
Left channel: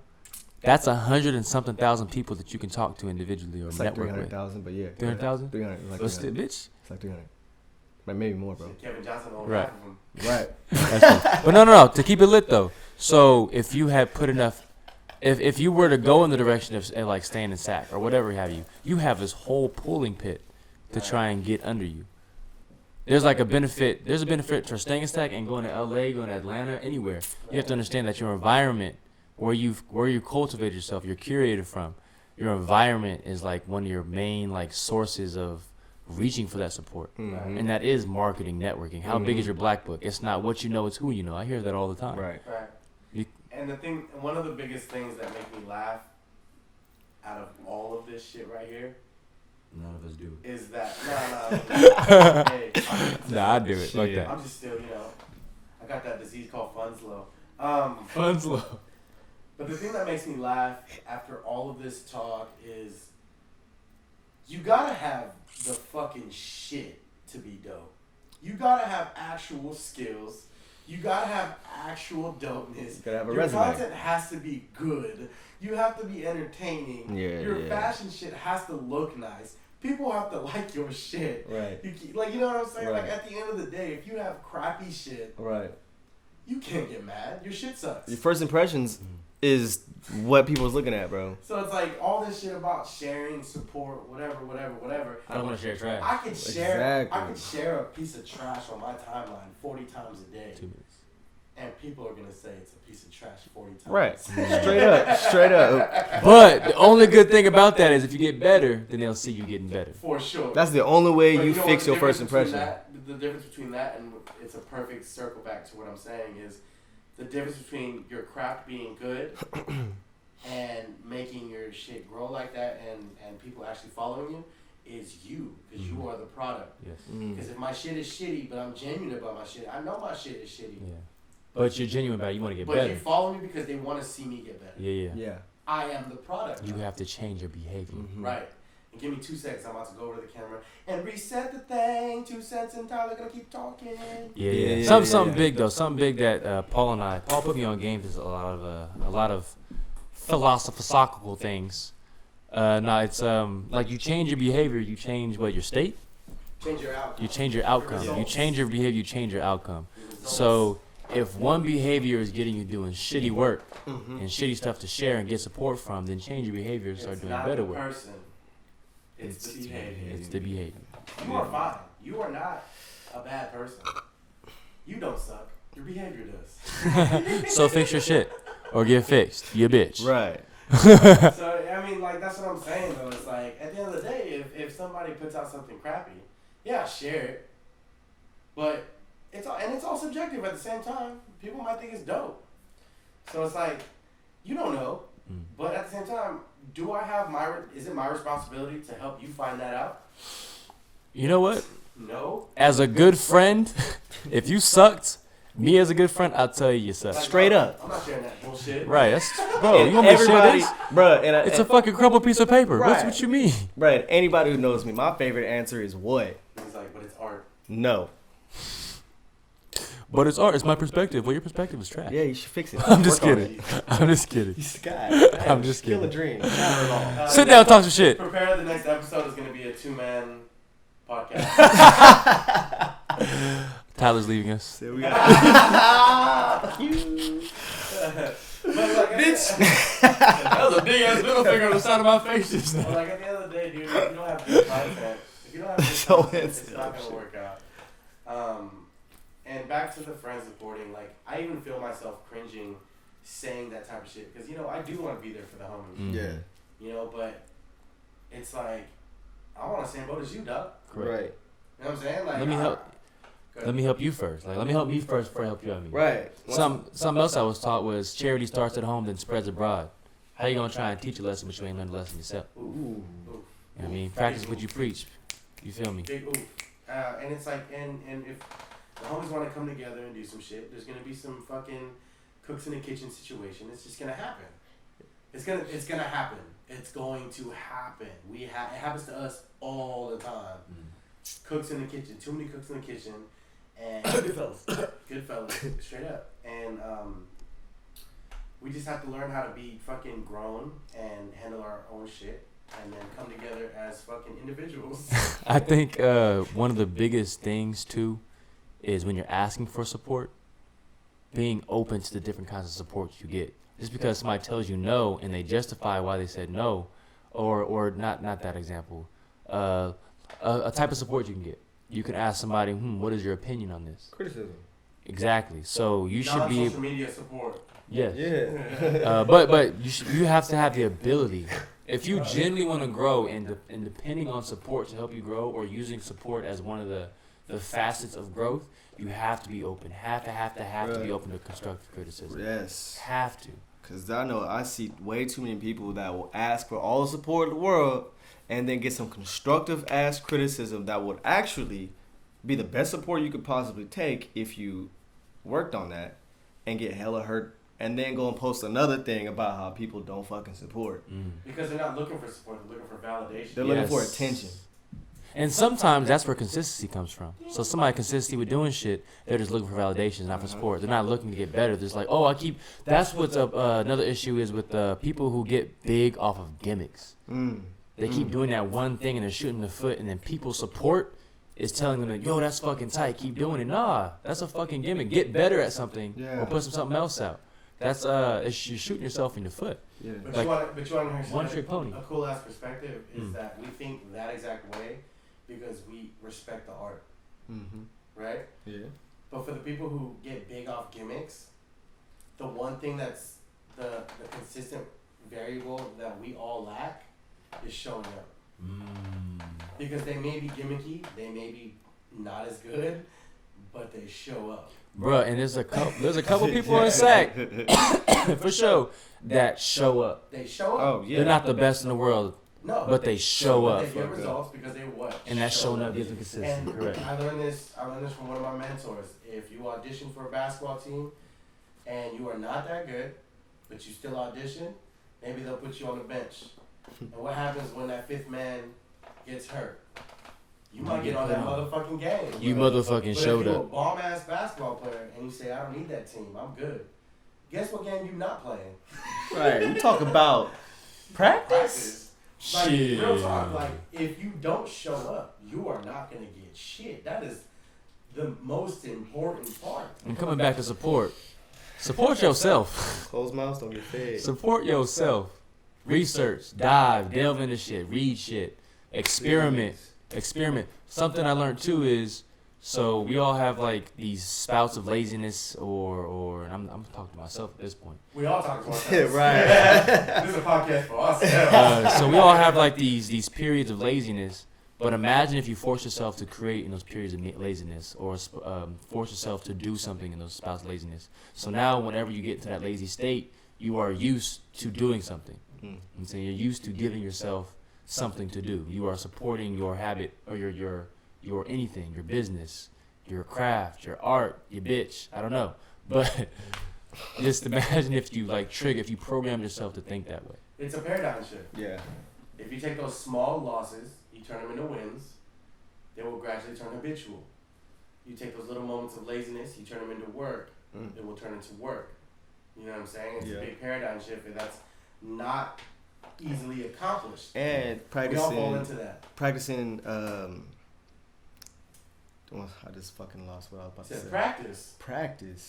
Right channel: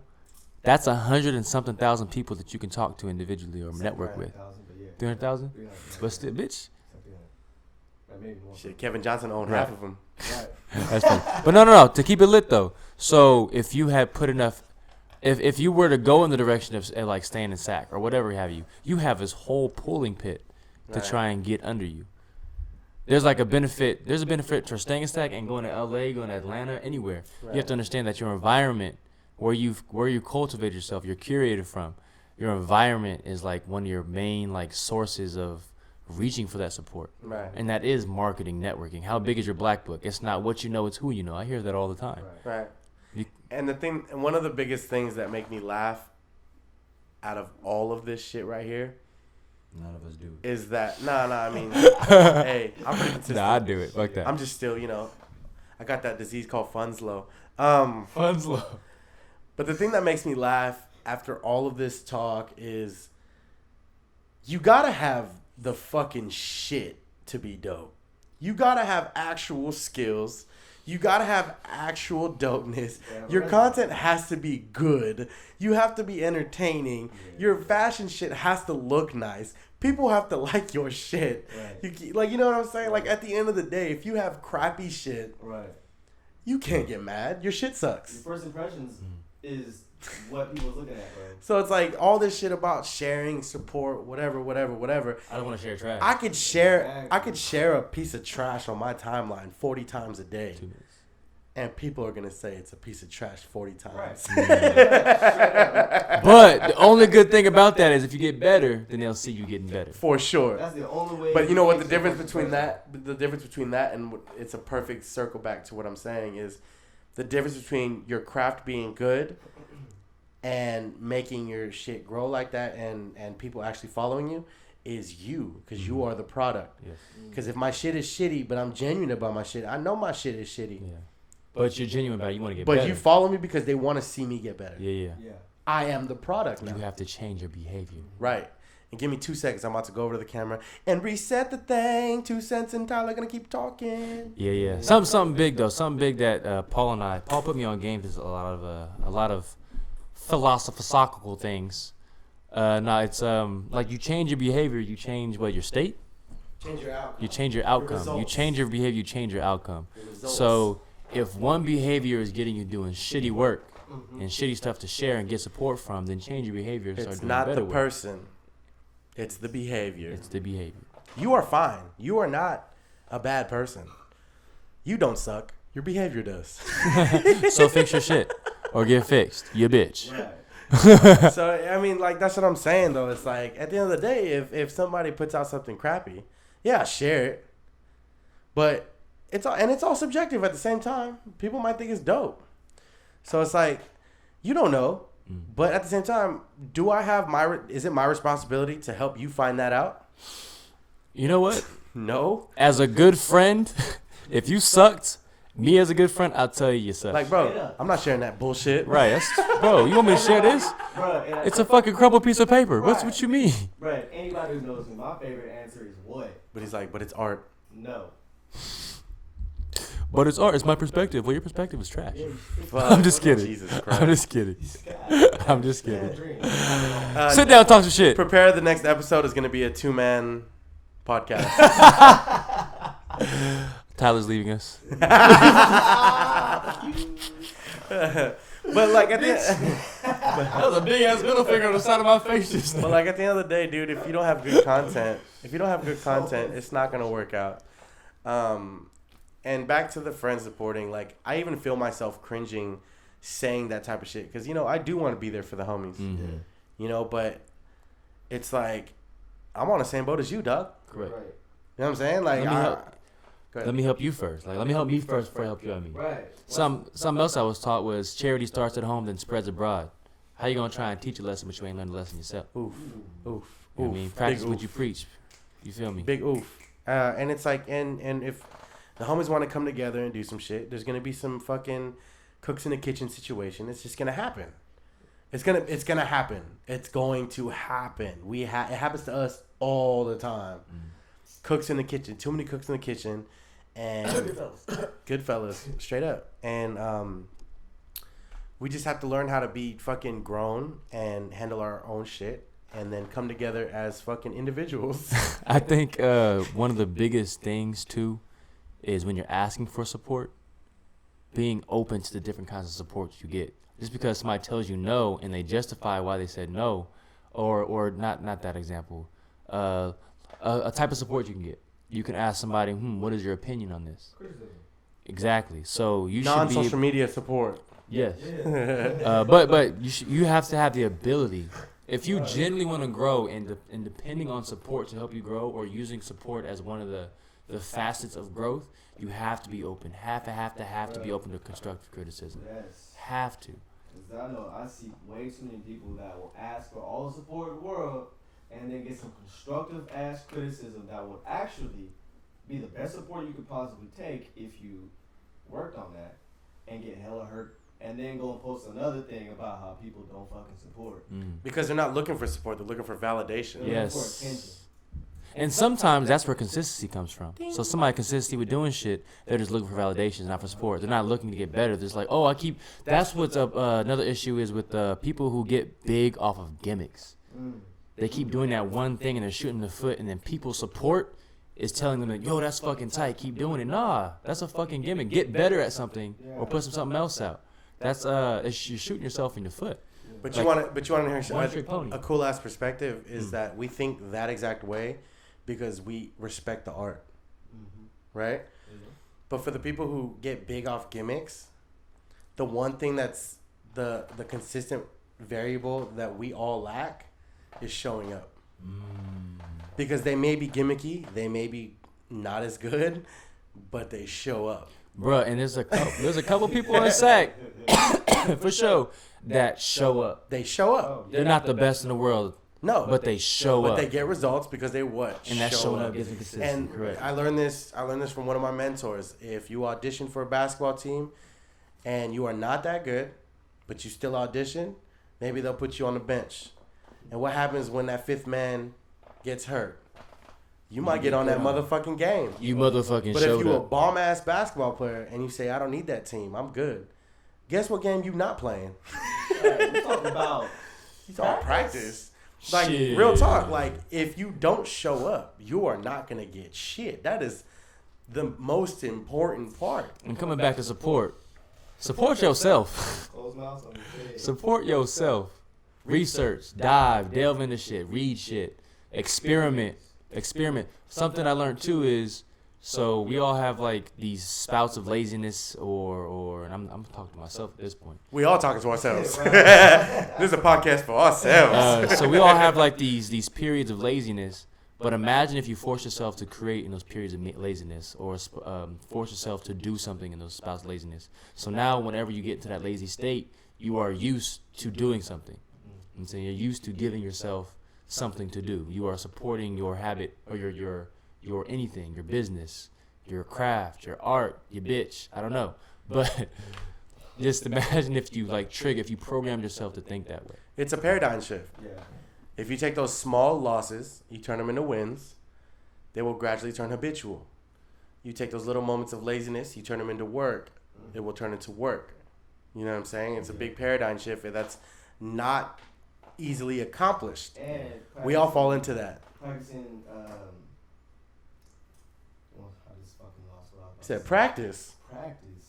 That's 100-something thousand people that you can talk to individually or It's like network with. 300,000, but yeah. 300,000? 300. But still, bitch. It's like 300. Maybe more, bro. Shit, Kevin Johnson owned Right. half of them. Right. That's funny. But no. To keep it lit though. So if you had put enough, if you were to go in the direction of like staying in SAC or whatever have you, you have this whole pooling pit to try and get under you. There's like a benefit. There's a benefit for staying in SAC and going to LA, going to Atlanta, anywhere. You have to understand that your environment, where you cultivate yourself, you're curated from, your environment is like one of your main like sources of reaching for that support. Right. And that is marketing, networking. How big is your black book? It's not what you know, it's who you know. I hear that all the time. Right. Right. You- And one of the biggest things that make me laugh out of all of this shit right here None of us do it. is that I mean, hey, I'm consistent. Nah, I do it like that. I'm just still, I got that disease called funds low. Fun's low. But the thing that makes me laugh after all of this talk is you gotta have the fucking shit to be dope. You gotta have actual skills. You gotta have actual dopeness. Your content has to be good. You have to be entertaining. Your fashion shit has to look nice. People have to like your shit. Right. You know what I'm saying? Right. Like, at the end of the day, if you have crappy shit, Right. you can't get mad. Your shit sucks. Your first impressions is what people's looking at, bro. So it's like all this shit about sharing, support, whatever. I don't want to share trash. I could share a piece of trash on my timeline 40 times a day. 2 minutes. And people are gonna say it's a piece of trash 40 times. Right. Straight up. But the only good thing about that is if you get better, then they'll see you getting better. For sure. That's the only way But you know fix what the your difference first between impression. the difference between that and it's a perfect circle back to what I'm saying is the difference between your craft being good and making your shit grow like that and people actually following you is you, because you are the product. Yes. Because if my shit is shitty, but I'm genuine about my shit, I know my shit is shitty. Yeah. But you're genuine about it. You want to get But better. you follow me because they want to see me get better. Yeah. I am the product. You now. have to change your behavior. Right. And give me 2 seconds. I'm about to go over to the camera and reset the thing. 2 cents and Tyler gonna keep talking. Yeah. Something big though. Something big that Paul put me on games is a lot of philosophical things. It's like you change your behavior, you change your state. Change your outcome. You change your outcome. You change your behavior, you change your outcome. So if one behavior is getting you doing shitty work and shitty stuff to share and get support from, then change your behavior and start doing better work. It's not the person. It's the behavior. It's the behavior. You are fine. You are not a bad person. You don't suck. Your behavior does. So fix your shit or get fixed. You bitch. Right. So, I mean, like, that's what I'm saying, though. It's like, at the end of the day, if somebody puts out something crappy, yeah, share it. But it's all subjective at the same time. People might think it's dope. So it's like, you don't know. But at the same time, is it my responsibility to help you find that out? You know what? No. As a good friend, if you sucked, me as a good friend, I'll tell you suck. Like, Straight bro, up. I'm not sharing that bullshit. Right, bro. You want me to share this? Bro, It's a fucking crumpled piece of paper. Right. What you mean? Bro, anybody who knows me, my favorite answer is what? But he's like, but it's art. No. But it's art. It's my perspective. Well, your perspective is trash. Yeah, you should fix it. I'm just Fuck off, kidding. Jesus, I'm just kidding. God, I'm just kill a kidding. dream. Sit down, talk some shit. Prepare the next episode is going to be a 2-man podcast. Tyler's leaving us. But like, That was a big ass middle finger on the side of my face just but like at the end of the day, dude, if you don't have good content, it's not going to work out. And back to the friend supporting, like, I even feel myself cringing saying that type of shit. Because, I do want to be there for the homies. Yeah. But it's like, I'm on the same boat as you, dog. Correct. Right. You know what I'm saying? Like, Let me help you first. Like, let me help me first before I help you out me. Right. Something else I was taught was charity starts at home, then spreads abroad. How you gonna try and teach a lesson but you ain't learned the lesson yourself? Oof. You know what I mean? Practice what you preach. You feel me? Big oof. And it's like, and if the homies want to come together and do some shit, there's gonna be some fucking cooks in the kitchen situation. It's just gonna happen. It's gonna happen. It's going to happen. It happens to us all the time. Cooks in the kitchen. Too many cooks in the kitchen. And good fellas, straight up. And we just have to learn how to be fucking grown and handle our own shit, and then come together as fucking individuals. I think one of the biggest things too is when you're asking for support, being open to the different kinds of support you get. Just because somebody tells you no and they justify why they said no, or not that example, a type of support you can get. You can ask somebody, what is your opinion on this? Criticism. Exactly. So you should be Non-social media support. Yes. Yeah. But you have to have the ability. If you genuinely want to grow and depending on support to help you grow, or using support as one of the facets of growth, you have to be open. Have to be open to constructive criticism. Yes. Have to. Because I know I see way too many people that will ask for all the support in the world, and then get some constructive ass criticism that would actually be the best support you could possibly take if you worked on that, and get hella hurt, and then go and post another thing about how people don't fucking support. Because they're not looking for support, they're looking for validation. They're looking for attention. And sometimes that's where consistency comes from. So somebody consistency with doing shit, they're just looking for validation, not for support. They're not looking to get better. They're just like, oh, that's what's up. Another issue is with people who get big off of gimmicks. They keep doing that one thing and they're shooting in the foot, and then people support is telling them that, yo, that's fucking tight, keep doing it. Nah, that's a fucking gimmick. Get better at something or put something else out. That's you're shooting yourself in the foot. Yeah. But like, you want to hear one trick pony. A cool ass perspective is that we think that exact way because we respect the art, right? Yeah. But for the people who get big off gimmicks, the one thing that's the consistent variable that we all lack is showing up. Because they may be gimmicky, they may be not as good, but they show up. Bruh, and there's a couple people in SAC for sure that show up. They show up. Oh, yeah. They're not the best in the world. No, but they show up. They get results because they what? And that showing up gives them consistency. And correct. I learned this from one of my mentors. If you audition for a basketball team and you are not that good, but you still audition, maybe they'll put you on the bench. And what happens when that fifth man gets hurt? You might get on that motherfucking game. You motherfucking but showed if you're up. a bomb ass basketball player and you say, I don't need that team, I'm good. Guess what game you not playing? Right, we talk about practice. Like, shit. Real talk, like, if you don't show up, you are not going to get shit. That is the most important part. And coming back to support yourself. Close mouths on your face. Support yourself. Research, delve into shit, read shit, experiment. Something I learned too is, so we all have like these spouts of laziness and I'm talking to myself at this point. We all talking to ourselves. Right. This is a podcast for ourselves. So we all have like these periods of laziness, but imagine if you force yourself to create in those periods of laziness, or force yourself to do something in those spouts of laziness. So now whenever you get into that lazy state, you are used to doing something. And so you're used to giving yourself something to do. You are supporting your habit or your anything, your business, your craft, your art, your bitch. I don't know. But just imagine if you if you programmed yourself to think that way. It's a paradigm shift. Yeah. If you take those small losses, you turn them into wins, they will gradually turn habitual. You take those little moments of laziness, you turn them into work, it will turn into work. You know what I'm saying? It's a big paradigm shift, and that's not easily accomplished. And we all fall into that. Practicing, I just fucking lost what I was about to say. Practice.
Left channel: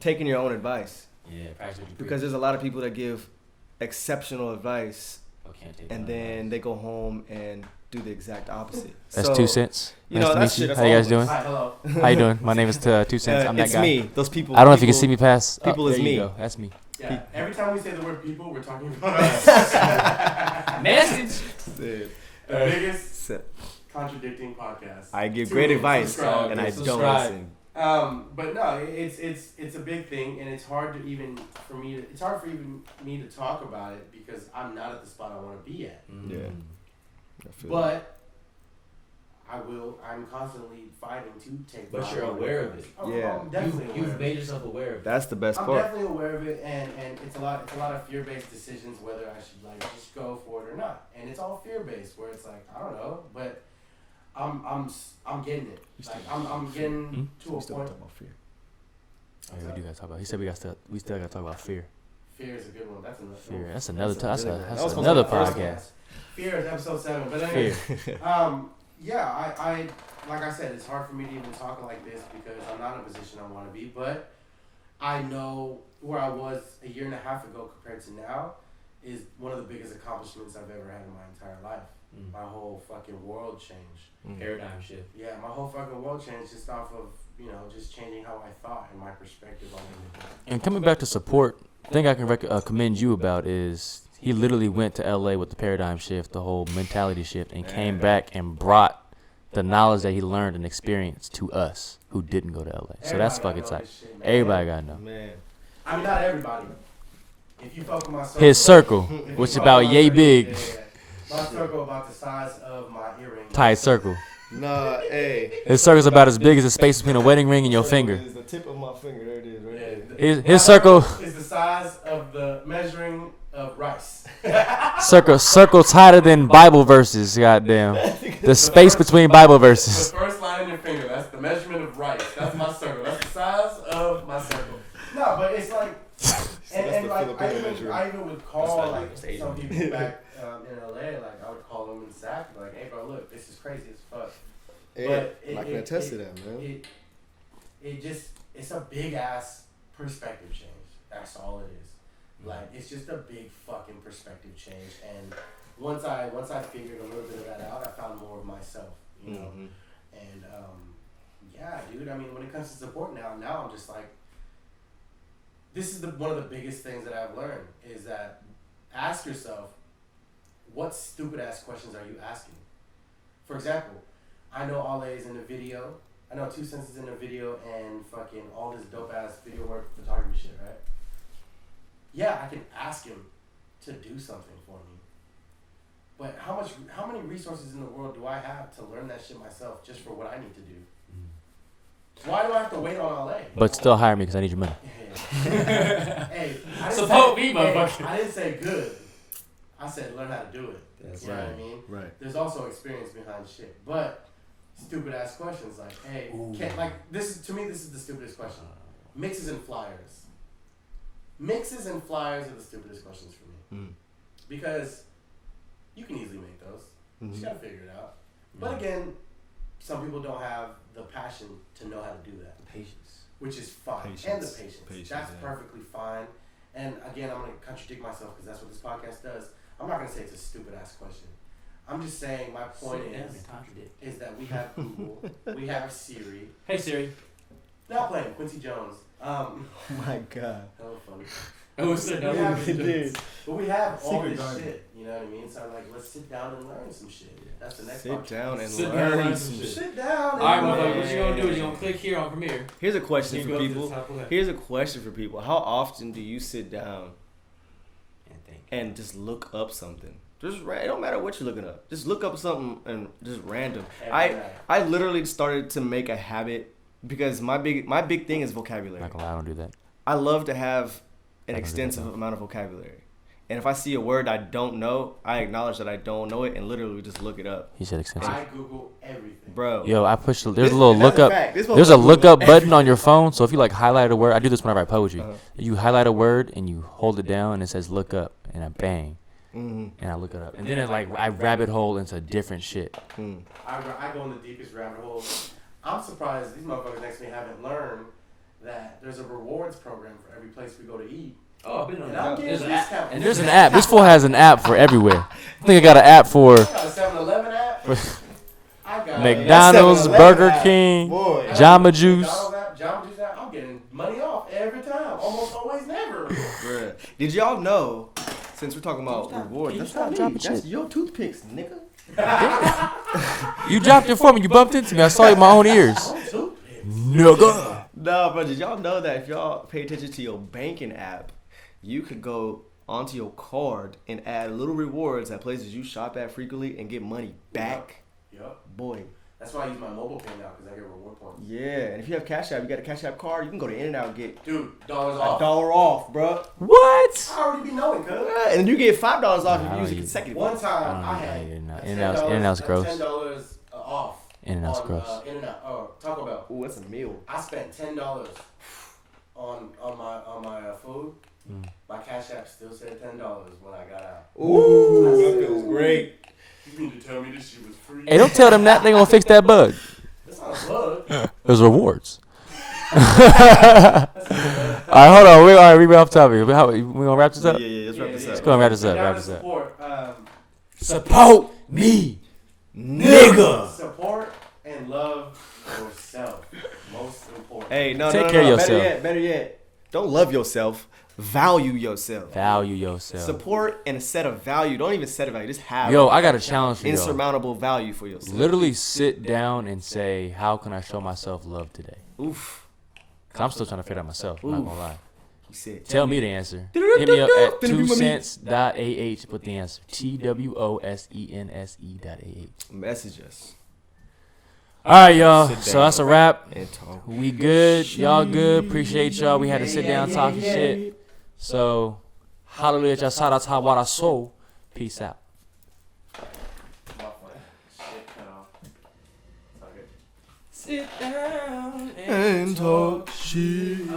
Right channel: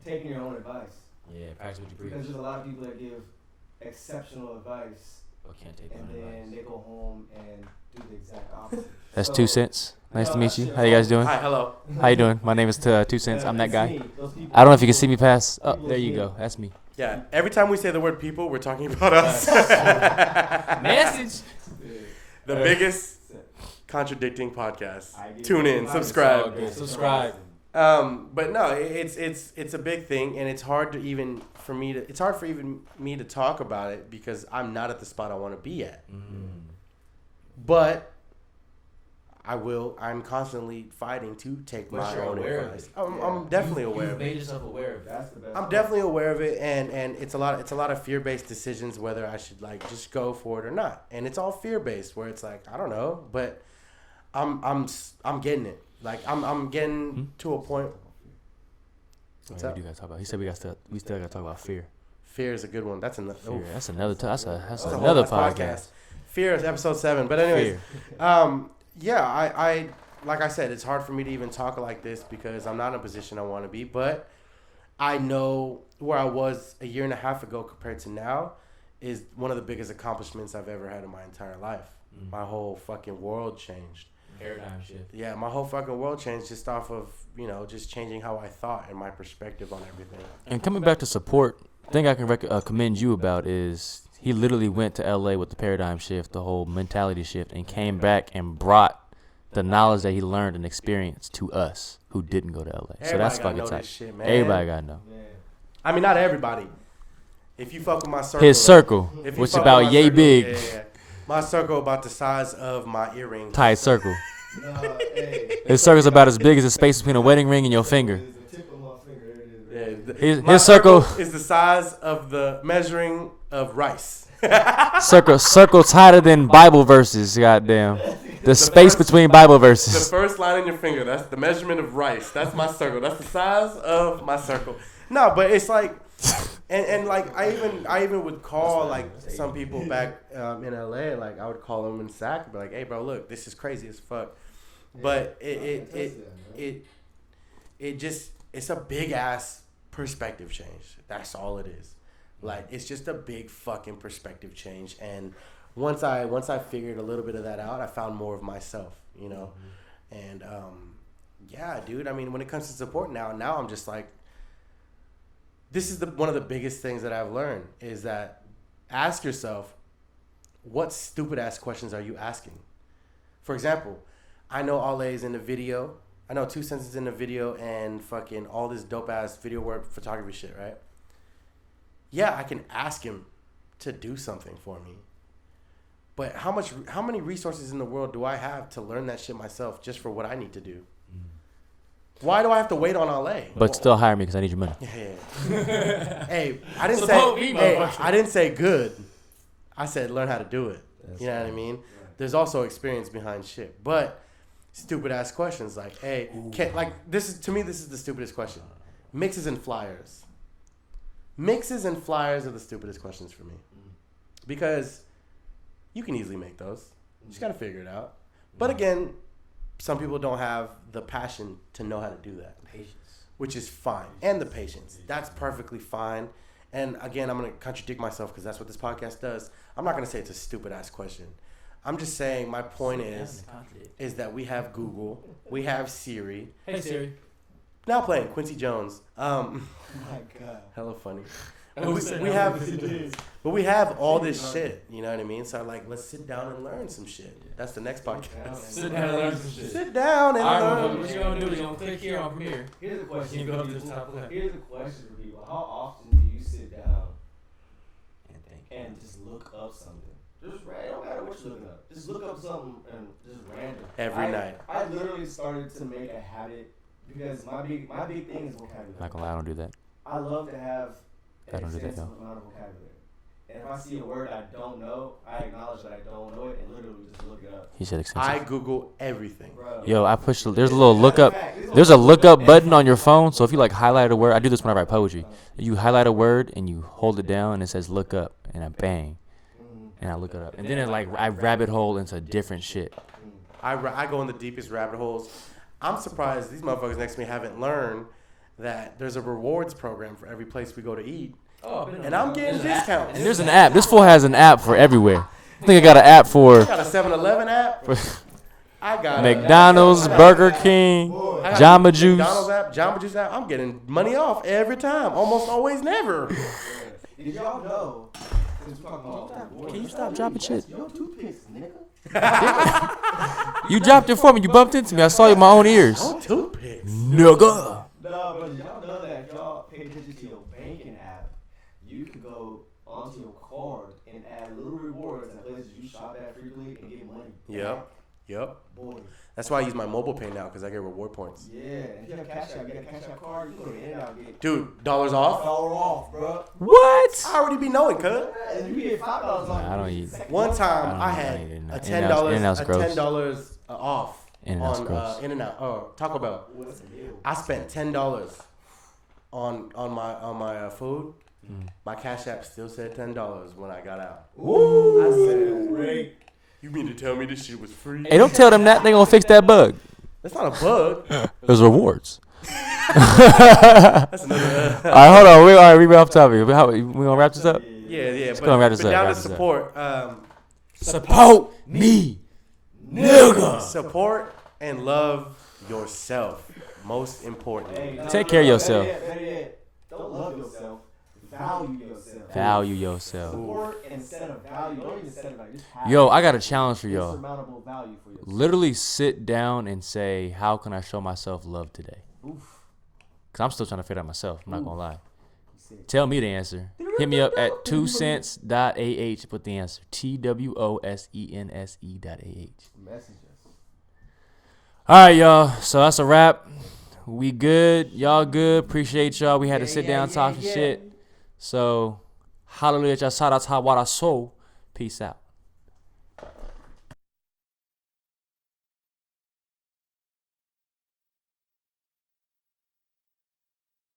Taking your own advice. Yeah, practice what you preach. Because there's a lot of people that give exceptional advice, and then they go home and do the exact opposite. That's 2 cents. Nice to meet you. How you guys doing? Hi, hello. How you doing? My name is 2 Cents. I'm that it's guy. Me. Those people. I don't know if you can see me past. People there is you me. go. That's me. Yeah. Every time we say the word people, we're talking about us. Message. The biggest contradicting podcast. I give Tune great in, advice, subscribe. and I Subscribe. But no, it's a big thing, and it's hard for me to talk about it because I'm not at the spot I want to be at. Yeah. But I'm constantly fighting to take my you're own aware of advice. it. I'm definitely aware You've of made it. yourself aware of it. That's the best I'm part. definitely aware of it, and it's a lot of fear-based decisions whether I should just go for it or not. And it's all fear-based where it's like, I don't know, but I'm getting it. Like I'm getting to a point. We do gotta talk about. He said we still gotta talk about fear. Fear is a good one. That's another. Fear. That's another. That's was another on my first podcast. cast. Fear is episode 7. But anyway, yeah, I like I said, it's hard for me to even talk like this because I'm not in a position I want to be. But I know where I was a year and a half ago compared to now is one of the biggest accomplishments I've ever had in my entire life. My whole fucking world changed. Paradigm shift. Yeah, my whole fucking world changed just off of, just changing how I thought and my perspective on everything. And coming back to support, the thing I can commend you about is he literally went to LA with the paradigm shift, the whole mentality shift, and came back and brought the knowledge that he learned and experienced to us who didn't go to LA. So that's fucking tight. Everybody gotta know. Man. I mean, not everybody. If you fuck with my circle, His circle, if you which fuck about with my yay circle, big. yeah. My circle about the size of my earring. Tight circle. Nah, hey. His circle's about as big as the space between a wedding ring and your finger. It's the tip of my finger. There it is. Right there. Yeah, His my circle is the size of the measuring of rice. circle tighter than Bible verses. Goddamn, the space between Bible The verses. first line in your finger, that's the measurement of rice. That's my circle. That's the size of my circle. No, but it's like, and like I even would call like some people back in LA, like I would call them in SAC and be like, hey bro, look, this is crazy as fuck. But it's a big ass perspective change. That's all it is. Like it's just a big fucking perspective change. And once I figured a little bit of that out, I found more of myself, you know. And yeah, dude. I mean, when it comes to support now I'm just like, this is one of the biggest things that I've learned is that ask yourself, what stupid ass questions are you asking? For example, I know Ole's in the video. I know 2 Cents is in the video and fucking all this dope ass video work photography shit, right? Yeah, I can ask him to do something for me. But how many resources in the world do I have to learn that shit myself just for what I need to do? Why do I have to wait on Ole? But still hire me because I need your money. Hey, I didn't Support say me, motherfucker. I didn't say good. I said learn how to do it. That's You know right. what I mean? Right. There's also experience behind shit. But stupid ass questions like, hey, this is the stupidest question. Mixes and flyers. Mixes and flyers are the stupidest questions for me. Because you can easily make those. You just gotta figure it out. But again, some people don't have the passion to know how to do that. Patience. Which is fine. And the patience. That's perfectly fine. And again, I'm going to contradict myself because that's what this podcast does. I'm not going to say it's a stupid ass question. I'm just saying my point is that we have Google, we have Siri. Hey Siri. Now playing Quincy Jones. Oh my God. Hella funny. It But we have all this shit, you know what I mean? So I'm like, let's sit down and learn some shit. That's the next podcast. Sit down and learn some shit. Sit down and Alright, learn. what you gonna do? You gonna click here on Premiere. Here's a question for people. How often do you sit down and just look up something? Just it don't matter what you're looking up. Just look up something and just random. Every night. I literally started to make a habit because my big thing is vocabulary. Not gonna lie, I don't do that. I love to have an I don't do that, extensive though. amount of vocabulary. And if I see a word I don't know, I acknowledge that I don't know it and literally just look it up. He said extensive. I Google everything. Bro. Yo, I push. There's a little look up. Fact. There's a look up button on your phone. So if you like highlight a word, I do this whenever I poetry. You highlight a word and you hold it down and it says look up, and I bang, and I look it up, and then it like I rabbit hole into different shit. I go in the deepest rabbit hole. I'm surprised these motherfuckers next to me haven't learned that there's a rewards program for every place we go to eat. Oh, And I'm getting discounts. And there's an app. This fool has an app for everywhere. I think I got an app for I got a 7-Eleven app. I got McDonald's, a 7-Eleven Burger app. King, Boy, I got Jamba a Juice. McDonald's app, Jamba Juice app. I'm getting money off every time. Almost always never. Did y'all know, since we're talking about rewards, Can you that's stop not dropping me. That's shit? your toothpicks, nigga. You dropped it for me. You bumped into me. I saw you with my own ears. Nigga. No, but did y'all know that if y'all pay attention to your banking app, you can go onto your card and add little rewards at places you shop at frequently and get money back? Yep. Boy. That's why I use my mobile pay now because I get reward points. Yeah, and if you have Cash App, you got a Cash App card, you can go to In-N-Out and get Dude, dollars off? $1 off, bro. What? I already be knowing, cuz. And then you get $5 off. Nah, I don't if you use eat- the second One one. time I I had don't eat a In-N-Out's- $10, In-N-Out's a gross. $10 off. In-N-Out's on, gross. In-N-Out, Taco Bell. Ooh, that's a meal. I spent $10 on my food. My Cash App still said $10 when I got out. Ooh, that's great. You mean to tell me this shit was free? Hey, don't tell them that. They gonna fix that bug. That's not a bug. There's rewards. All right, hold on. All right, we off topic. We gonna wrap this up? Yeah. Let's go and wrap this up. But Wrap down to this up. support, Support me, nigga. support and love yourself. Most important. Hey, no, Take care of better yourself. yet, better yet. Don't love yourself. Value yourself. Value yourself. Support and set a value. Don't even set a value. Just have Yo, I got a challenge for y'all. insurmountable value for yourself. Literally sit down and say, how can I show myself love today? Oof. Cause I'm still trying to figure it out myself. I'm not gonna lie. He said, Tell me the answer. Hit me up at 2cents.ah. Put the answer. TWOSENSE.ah. message us. All right, y'all. So that's a wrap. We good. Y'all good. Appreciate y'all. We had to sit down talking shit. So, hallelujah. Shout out to Hawara Soul. Peace out. Sit down and talk shit.